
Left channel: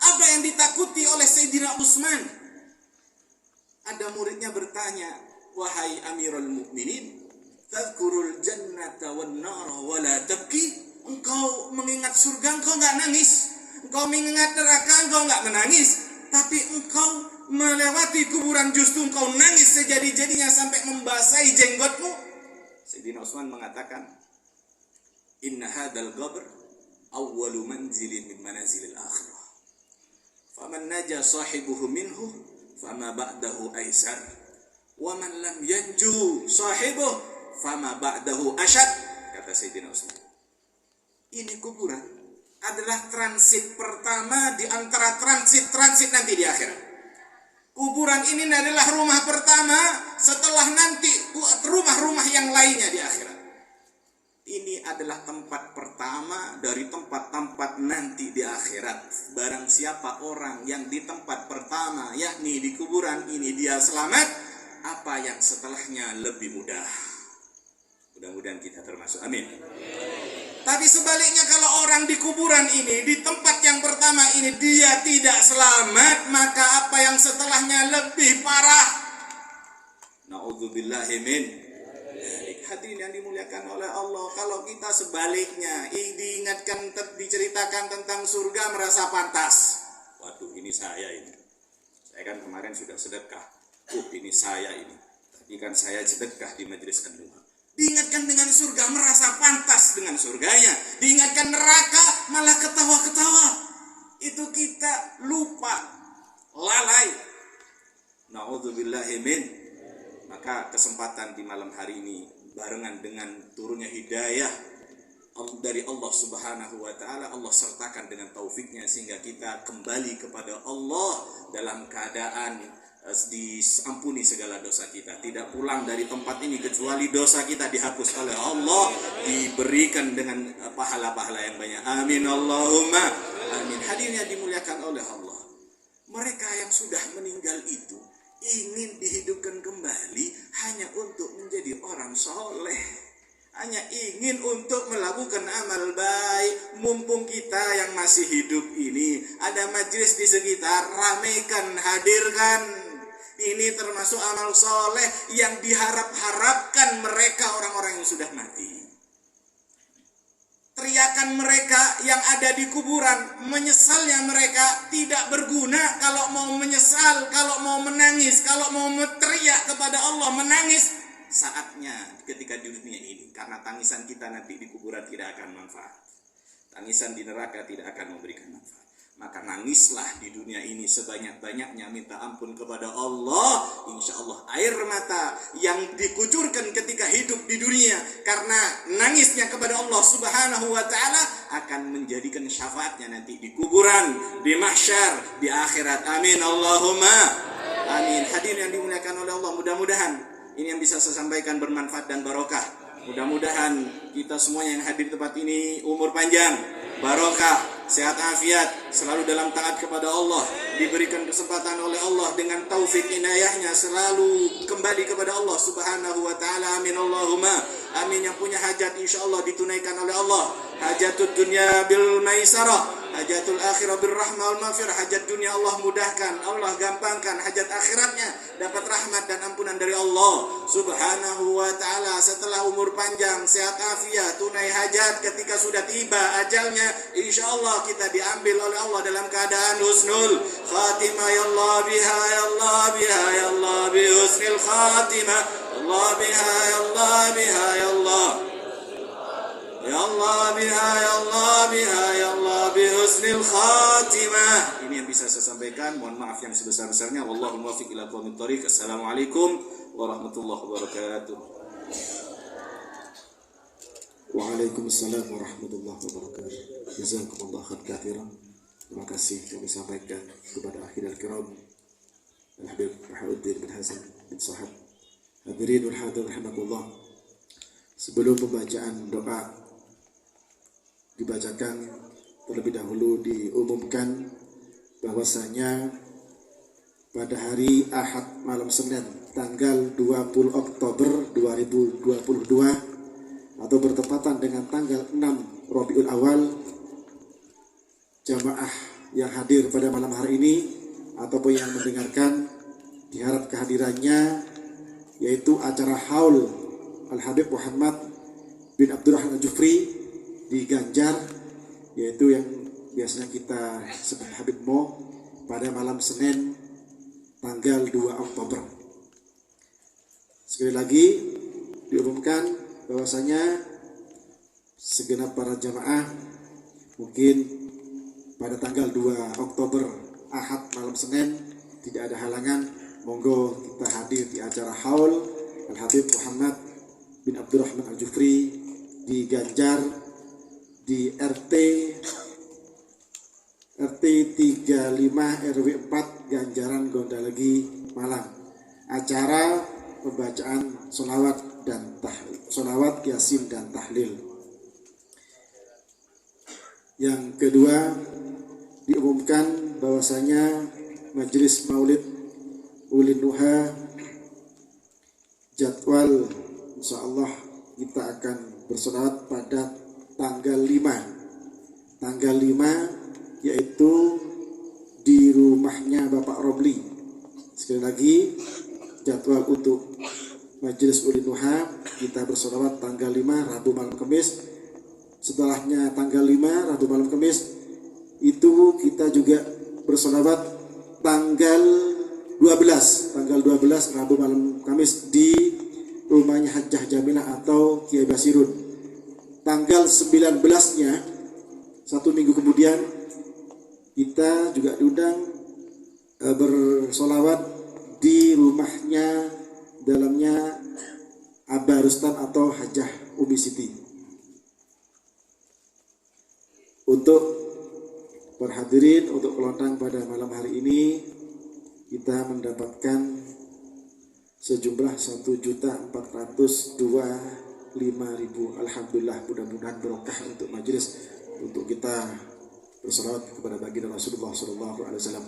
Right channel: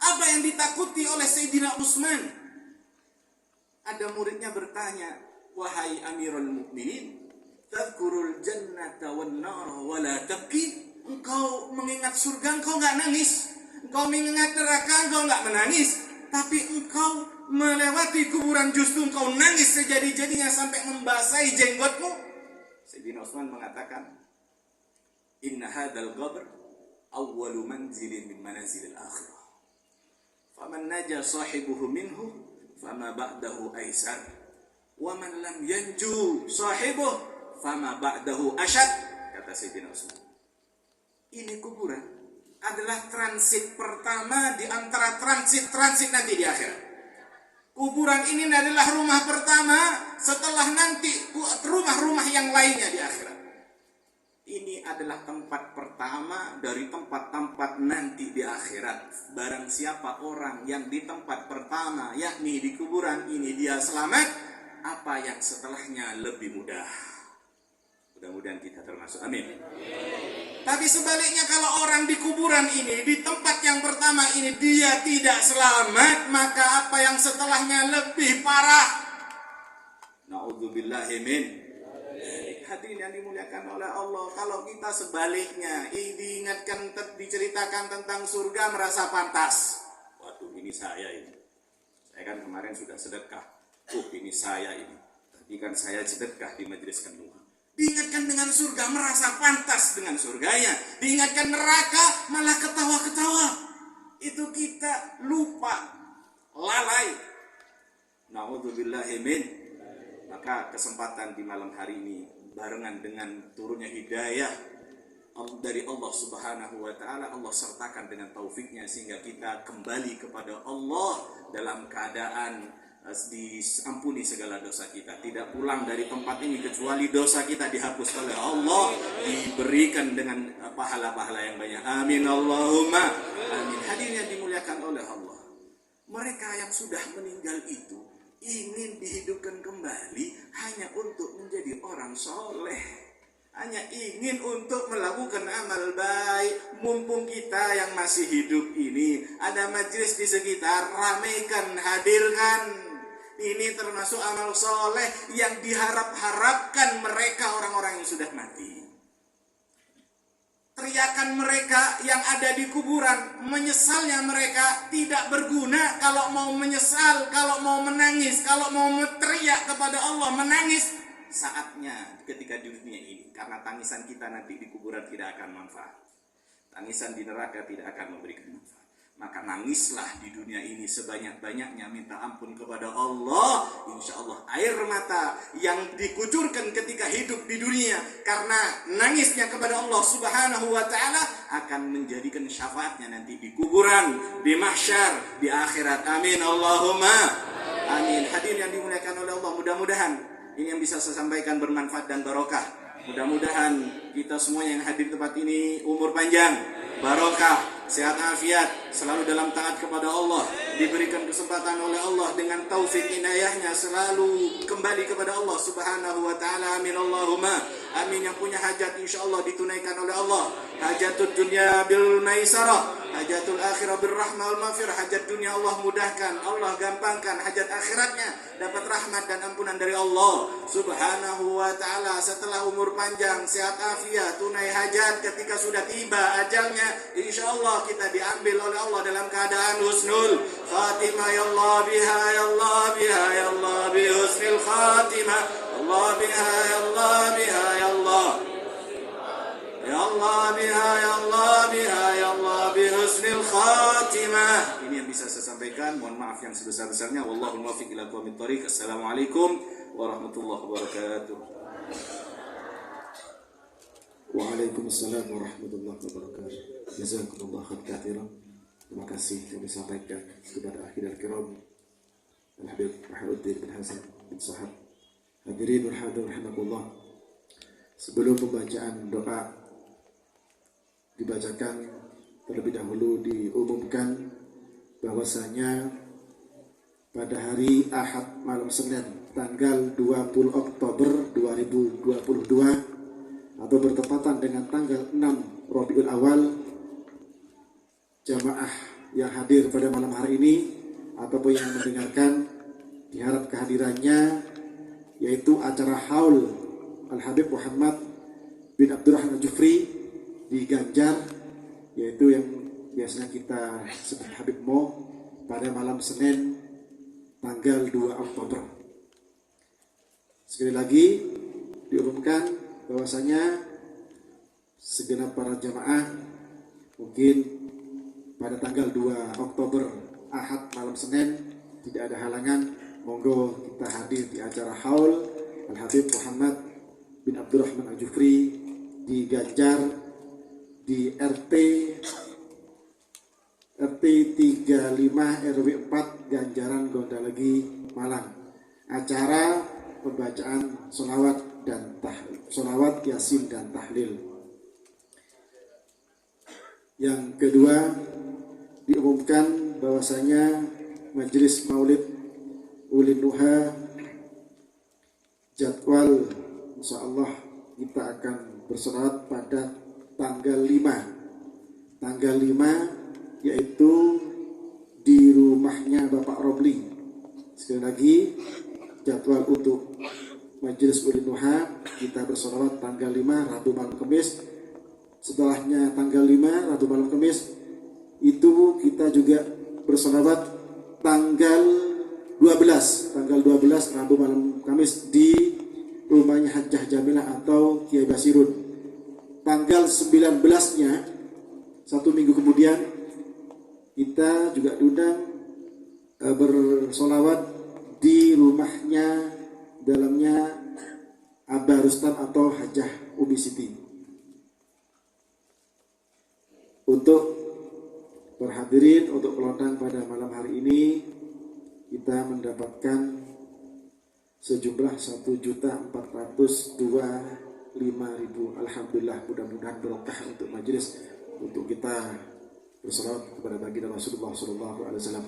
Apa yang ditakuti oleh Sayyidina Utsman? Ada muridnya bertanya, wahai Amirul Mukminin, tadhkurul jannata wan nara wa la tabki? Engkau mengingat surga, engkau enggak nangis. Engkau mengingat neraka, engkau enggak menangis. Tapi engkau melewati kuburan justru engkau nangis sejadi-jadinya sampai membasahi jenggotmu. Sayyidina Utsman mengatakan, inna hadzal qabr awwalu manzilin min manazilil akhirah. Faman naja sahibuhu minhu fama ba'dahu aisar. Wa man lam yanju sahibuhu fama ba'dahu asyad. Kata Sayyidina Utsman. Ini kuburan adalah transit pertama di antara transit nanti di akhirat. Kuburan ini adalah rumah pertama setelah nanti rumah-rumah yang lainnya di akhirat. ini adalah tempat pertama dari tempat-tempat nanti di akhirat. Barang siapa orang yang di tempat pertama, yakni di kuburan ini dia selamat, apa yang setelahnya lebih mudah. Mudah-mudahan kita termasuk. Amin. Tapi sebaliknya kalau orang di kuburan ini, di tempat yang pertama ini dia tidak selamat, maka apa yang setelahnya lebih parah. Na'udzubillahi min. Hadirin yang dimuliakan oleh Allah, kalau kita sebaliknya diingatkan, diceritakan tentang surga merasa pantas. Waduh, ini saya ini. Saya kan kemarin sudah sedekah. Ini saya ini. Tapi kan saya sedekah di majelis kandungan. Diingatkan dengan surga merasa pantas dengan surganya. Diingatkan neraka malah ketawa-ketawa. Itu kita lupa, lalai. Na'udzubillahi min. Maka kesempatan di malam hari ini barengan dengan turunnya hidayah dari Allah Subhanahu wa taala, Allah sertakan dengan taufiknya sehingga kita kembali kepada Allah dalam keadaan diampuni segala dosa kita, tidak pulang dari tempat ini kecuali dosa kita dihapus oleh Allah, diberikan dengan pahala-pahala yang banyak. Amin Allahumma amin. Hadirin yang dimuliakan oleh Allah, mereka yang sudah meninggal itu ingin dihidupkan kembali hanya untuk menjadi orang soleh, hanya ingin untuk melakukan amal baik. Mumpung kita yang masih hidup ini ada majelis di sekitar, ramaikan, hadirkan. Ini termasuk amal soleh yang diharap-harapkan mereka orang-orang yang sudah mati. Teriakan mereka yang ada di kuburan, menyesalnya mereka tidak berguna. Kalau mau menyesal, kalau mau menangis, kalau mau teriak kepada Allah, menangis, saatnya ketika di dunia ini. Karena tangisan kita nanti di kuburan tidak akan manfaat. Tangisan di neraka tidak akan memberikan manfaat. Maka nangislah di dunia ini sebanyak-banyaknya, minta ampun kepada Allah. Insya Allah air mata yang dikucurkan ketika hidup di dunia karena nangisnya kepada Allah Subhanahu wa ta'ala akan menjadikan syafaatnya nanti di kuburan, di mahsyar, di akhirat. Amin Allahumma amin. Hadirin yang dimuliakan oleh Allah, mudah-mudahan ini yang bisa saya sampaikan bermanfaat dan barokah. Mudah-mudahan kita semua yang hadir di tempat ini umur panjang, barokah, sehat afiat, selalu dalam taat kepada Allah, diberikan kesempatan oleh Allah dengan taufik inayahnya selalu kembali kepada Allah Subhanahu wa ta'ala. Amin Allahumma amin. Yang punya hajat insyaallah ditunaikan oleh Allah. Hajatul dunya bil maisarah, hajatul akhirah bil rahmah wal maghfirah. Hajat dunia Allah mudahkan, Allah gampangkan. Hajat akhiratnya dapat rahmat dan ampunan dari Allah Subhanahu wa ta'ala. Setelah umur panjang, sehat afiat, tunai hajat, ketika sudah tiba ajalnya, insyaallah kita diambil oleh Allah dalam keadaan husnul khatimah. Ya Allah biha, ya Allah biha, ya Allah bi husnul khatimah. Allah biha, ya Allah biha, ya Allah, ya Allah biha, ya Allah biha, ya Allah bi husnul khatimah. Ini yang bisa saya sampaikan. Mohon maaf yang sebesar-besarnya. Wallahu muwaffiq ila aqwamit thoriq. Assalamualaikum warahmatullahi wabarakatuh. Waalaikumsalam warahmatullahi wabarakatuh. Jazakumullah khairan. Terima kasih yang disampaikan kepada akhirul kiram Al-Habib Wahiduddin bin Hasan bin Sahab. Hadirin wal hadirin rahimakumullah. Sebelum pembacaan doa dibacakan, terlebih dahulu diumumkan bahwasanya pada hari Ahad malam Senin tanggal 20 Oktober 2022 atau bertepatan dengan tanggal 6 Rabiul Awal, jamaah yang hadir pada malam hari ini ataupun yang mendengarkan diharap kehadirannya, yaitu acara haul Al-Habib Muhammad bin Abdurrahman Al-Jufri di Ganjar, yaitu yang biasanya kita sebut Habib Mo, pada malam Senin tanggal 2 Oktober. Sekali lagi diumumkan bahwasanya segenap para jamaah mungkin pada tanggal 2 Oktober Ahad malam Senin tidak ada halangan, monggo kita hadir di acara haul Al-Habib Muhammad bin Abdurrahman Al-Jufri di Ganjar, di RT 35 RW 4 Ganjaran Gondalegi Malang. Acara pembacaan sholawat dan tahlil, sholawat yasin dan tahlil. Yang kedua, diumumkan bahwasanya Majelis Maulid Ulin Nuha jadwal insyaallah kita akan bersolawat pada tanggal 5 yaitu di rumahnya Bapak Robli. Sekali lagi, jadwal untuk Majelis Ulin Nuha kita bersolawat tanggal 5 Rabu malam Kamis. Setelahnya tanggal 5 Rabu malam Kamis itu kita juga bersolawat tanggal 12 Rabu malam Kamis di rumahnya Hajjah Jamilah atau Kiai Basirun. Tanggal 19-nya, satu minggu kemudian, kita juga diundang bersolawat di rumahnya dalamnya Abah Rustam atau Hajjah Umi Siti. Untuk para hadirin, untuk kelontar pada malam hari ini kita mendapatkan sejumlah 1.425.000. Alhamdulillah, mudah-mudahan berkah untuk majelis, untuk kita bersalawat kepada baginda Rasulullah SAW.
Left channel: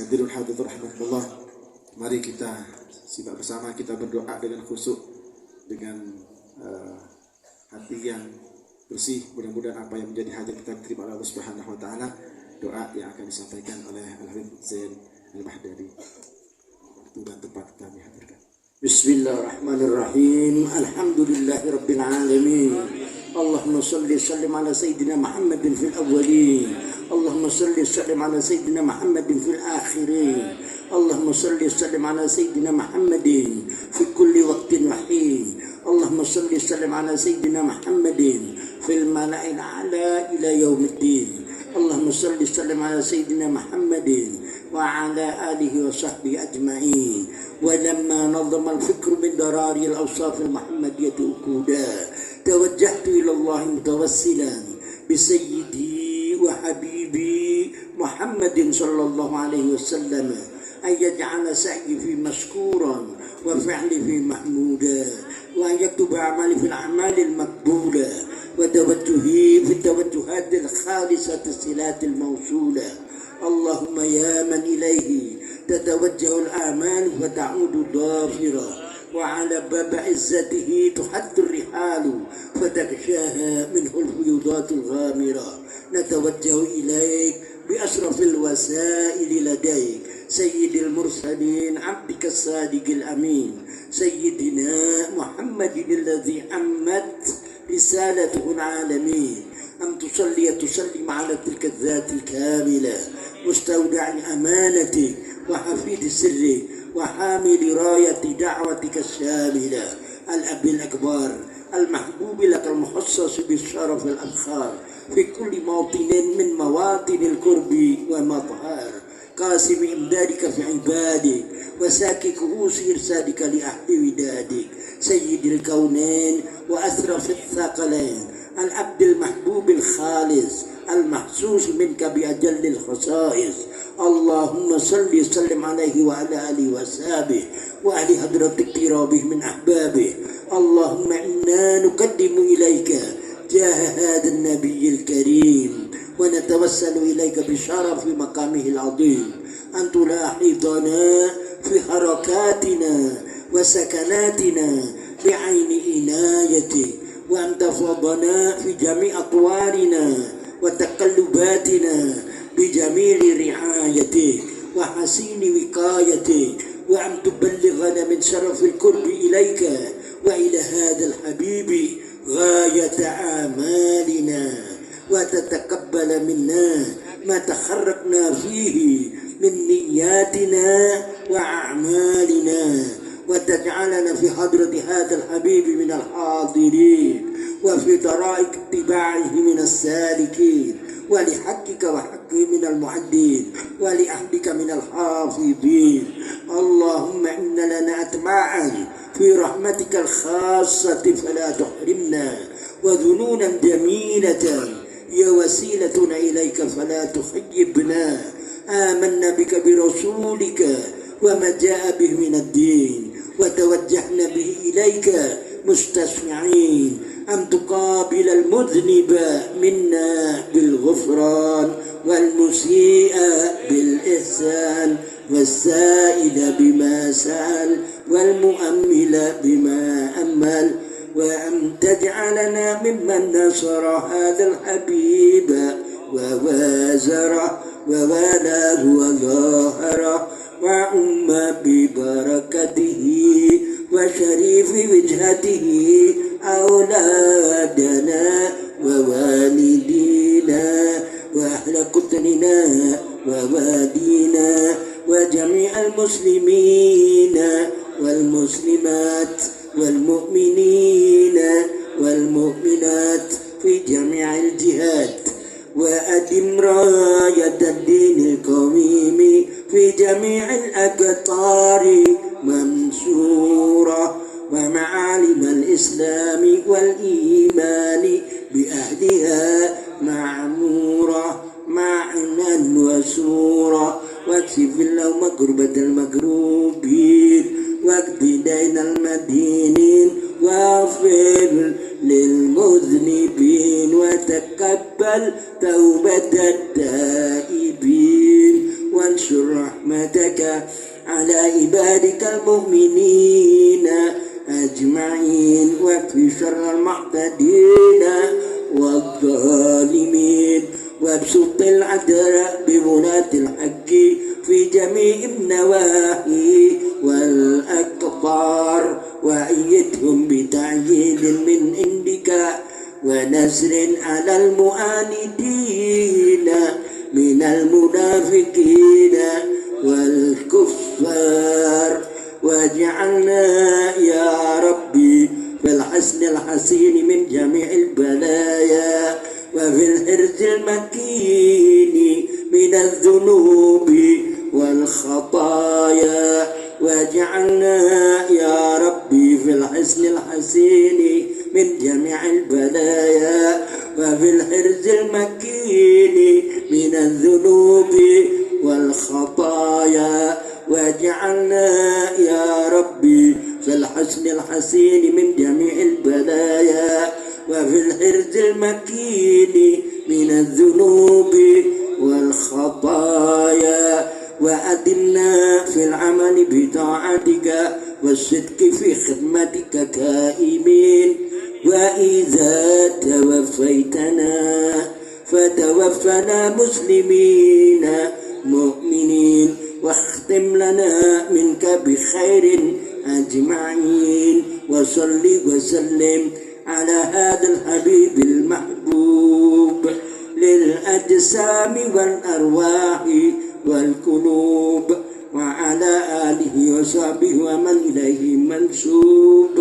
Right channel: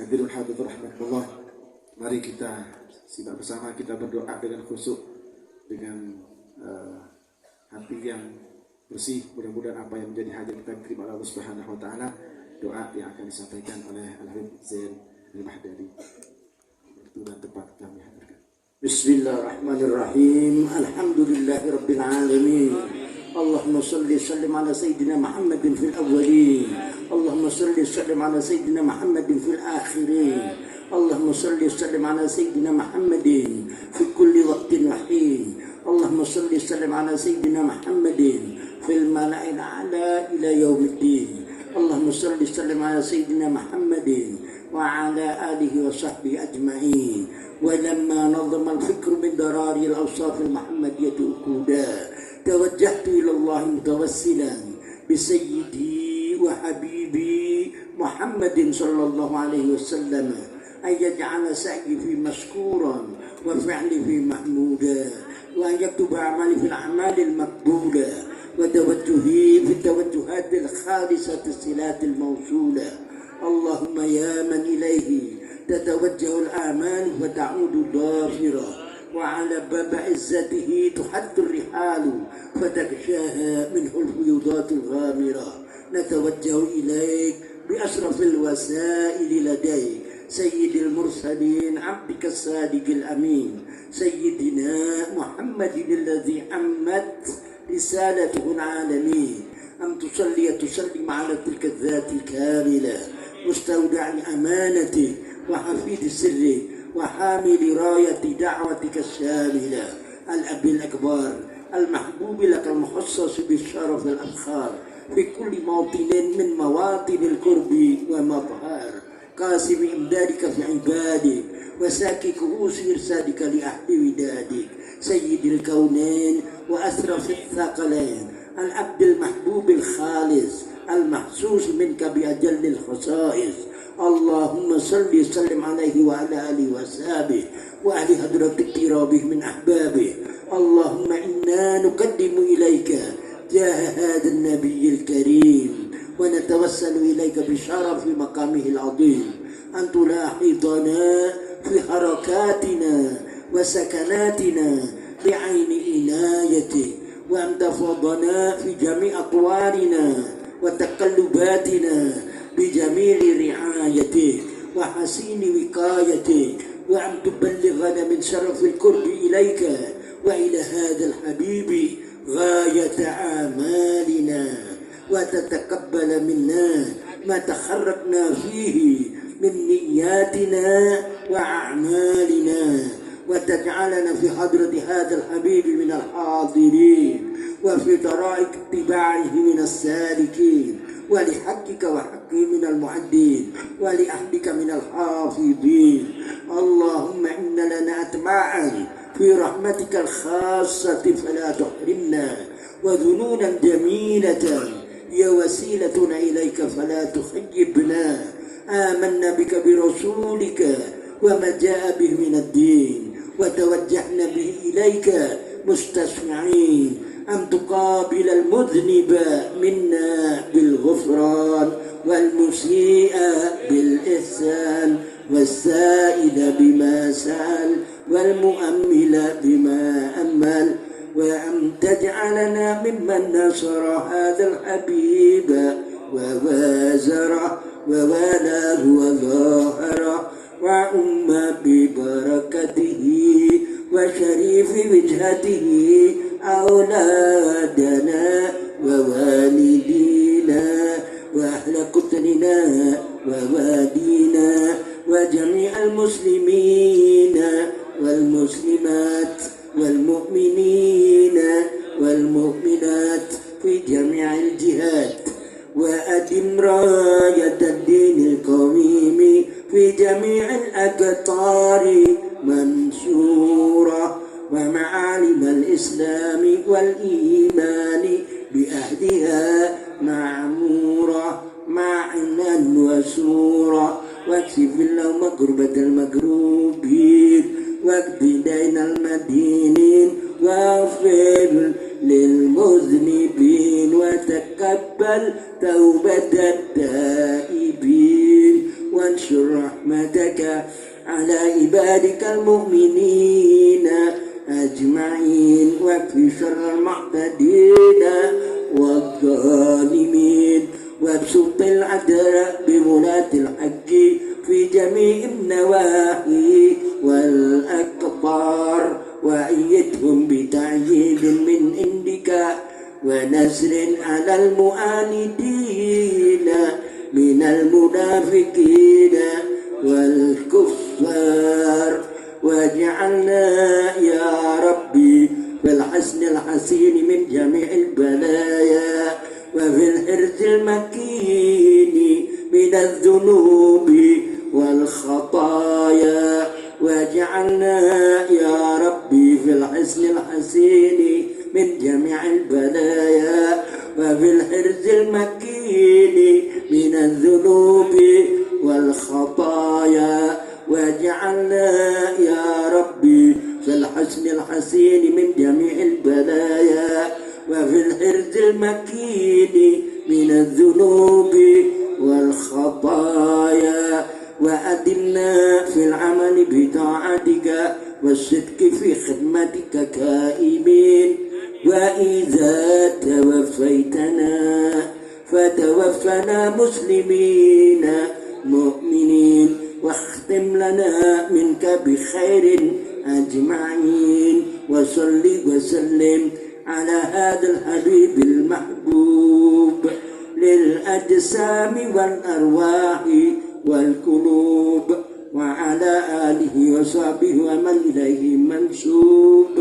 Hadirin hadirat rahmatullah, mari kita simak bersama, kita berdoa dengan khusyuk, dengan hati yang bersih. Mudah-mudahan apa yang menjadi hajat kita diterima oleh Allah Subhanahu wa taala. Doa yang akan disampaikan oleh Al-Habib Zain Al-Mahdari. Waktu dan tempat kami hadirkan. Bismillahirrahmanirrahim. Alhamdulillahi rabbil alamin. Allahumma salli sallim ala sayyidina Muhammadin fil awwalin. Allahumma salli sallim ala sayyidina Muhammadin fil akhirin. Allahumma salli sallim ala sayyidina Muhammadin fi kulli waqtin wa hin. Allahumma salli sallim ala sayyidina Muhammadin fil mala'il a'la ila yaumiddin. Allahumma salli sallim ala sayyidina Muhammadin wa ala alihi wa sahbihi ajma'in. ولما نظم الفكر من دراري الأوصاف المحمدية أكودا توجهت إلى الله متوسلا بسيدي وحبيبي محمد صلى الله عليه وسلم أن يجعل سعي في مشكورا وفعلي في محمودا وأن يكتب أعمالي في الأعمال المقبولة وتوجهي في التوجهات الخالصة الصلات الموصولة. اللهم يا من إليه تتوجه الآمال وتعود ضافرة وعلى باب عزته تحد الرحال فتغشاها منه الفيوضات الغامرة. نتوجه إليك بأشرف الوسائل لديك سيد المرسلين عبدك الصادق الأمين سيدنا محمد الذي عمت رسالته العالمين أن تصلي تسلم على تلك الذات الكاملة مستودع الأمانة وحفيد سرك وحامل راية دعوتك الشاملة الأب الأكبر المحبوب لك المخصص بالشرف الأفخار في كل موطن من مواطن القرب ومظهر قاسم إمدادك في عبادك وساكي كؤوس إرسالك لأهل ودادك سيد الكونين وأشرف الثقلين العبد المحبوب الخالص المحسوس منك بأجل الخصائص. اللهم صل وسلم عليه وعلى آله وأصحابه وأهل حضرة اقترابه من أحبابه. اللهم إنا نقدم إليك جاه هذا النبي الكريم ونتوسل إليك بشرف مقامه العظيم أن تلاحظنا في حركاتنا وسكناتنا بعين عنايتك وأن تفضنا في جميع أطوارنا وتقلباتنا بجميل رعايتك وحسين وقايتك وأن تبلغنا من شرف القرب إليك وإلى هذا الحبيب غاية آمالنا وتتقبل منا ما تحركنا فيه من نياتنا وأعمالنا وتجعلنا في حضرة هذا الحبيب من الحاضرين وفي طرائق اتباعه من السالكين ولحقك وحقه من المعدين ولأهلك من الحافظين. اللهم إن لنا أتباعا في رحمتك الخاصة فلا تحرمنا وذنونا جميلة هي وسيلتنا إليك فلا تخيبنا. آمنا بك برسولك وما جاء به من الدين وتوجهنا به إليك مستسمعين أن تقابل المذنب منا بالغفران والمسيء بالإحسان والسائل بما سأل والمؤمل بما أمل، وأن تجعلنا ممن نصر هذا الحبيب ووازره ووالاه وظاهره وعم ببركته وشريف وجهته أولادنا ووالدينا وأهل قطرنا ووالينا وجميع المسلمين والمسلمات والمؤمنين والمؤمنات في جميع الجهات، وأدم راية الدين القويم في جميع الأقطار منصورة، ومعالم الإسلام والإيمان بأهلها معمورة معنا وسورة، واكشف اللهم كربة المكروبين واقض دين المدينين واغفر للمذنبين وتقبل توبة التائبين، وانشر رحمتك على عبادك المؤمنين أجمعين، واكفي شر المعتدين والظالمين، وابسط العدل بولاة الحق في جميع النواحي والأقطار، وأيدهم بتعييد من عندك ونصر على المعاندين من المنافقين والكفار، واجعلنا يا ربي في الحسن الحسين من جميع البلايا وفي الحرز المكين من الذنوب والخطايا، واجعلنا يا ربي في الحسن الحسين من جميع البلايا وفي الحرز المكين من الذنوب والخطايا، واجعلنا يا ربي في الحسن الحسين من جميع البلايا وفي الحرز المكين من الذنوب والخطايا، وأدمنا في العمل بطاعتك والصدق في خدمتك كائمين، وإذا توفيتنا فتوفنا مسلمين مؤمنين، واختم لنا منك بخير أجمعين، وصل وسلم على هذا الحبيب المحبوب للأجسام والأرواح والقلوب، وعلى آله وصحبه ومن إليه منسوب،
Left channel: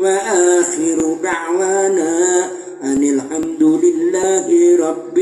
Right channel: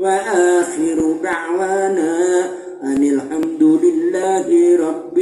وآخر دعوانا أن الحمد لله رب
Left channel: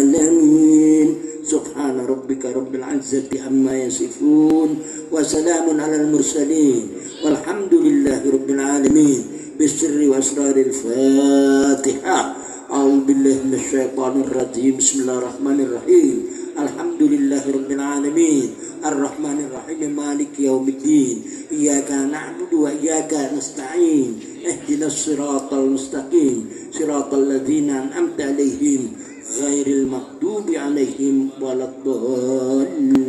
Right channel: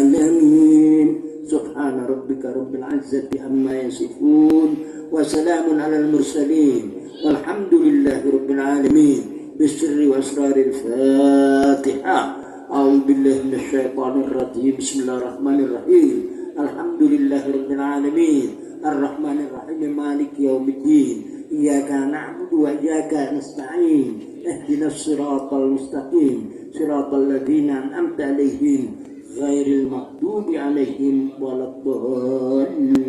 العالمين. سبحان ربك رب العزة عما يصفون وسلام على المرسلين والحمد لله رب العالمين. بالسر وأسرار الفاتحة. أعوذ بالله من الشيطان الرجيم. بسم الله الرحمن الرحيم. الحمد لله رب العالمين الرحمن الرحيم مالك يوم الدين إياك نعبد وإياك نستعين اهدنا الصراط المستقيم صراط الذين أنعمت عليهم غير المغضوب عليهم ولا الضالين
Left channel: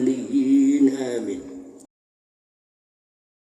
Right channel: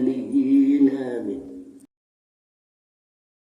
آمين.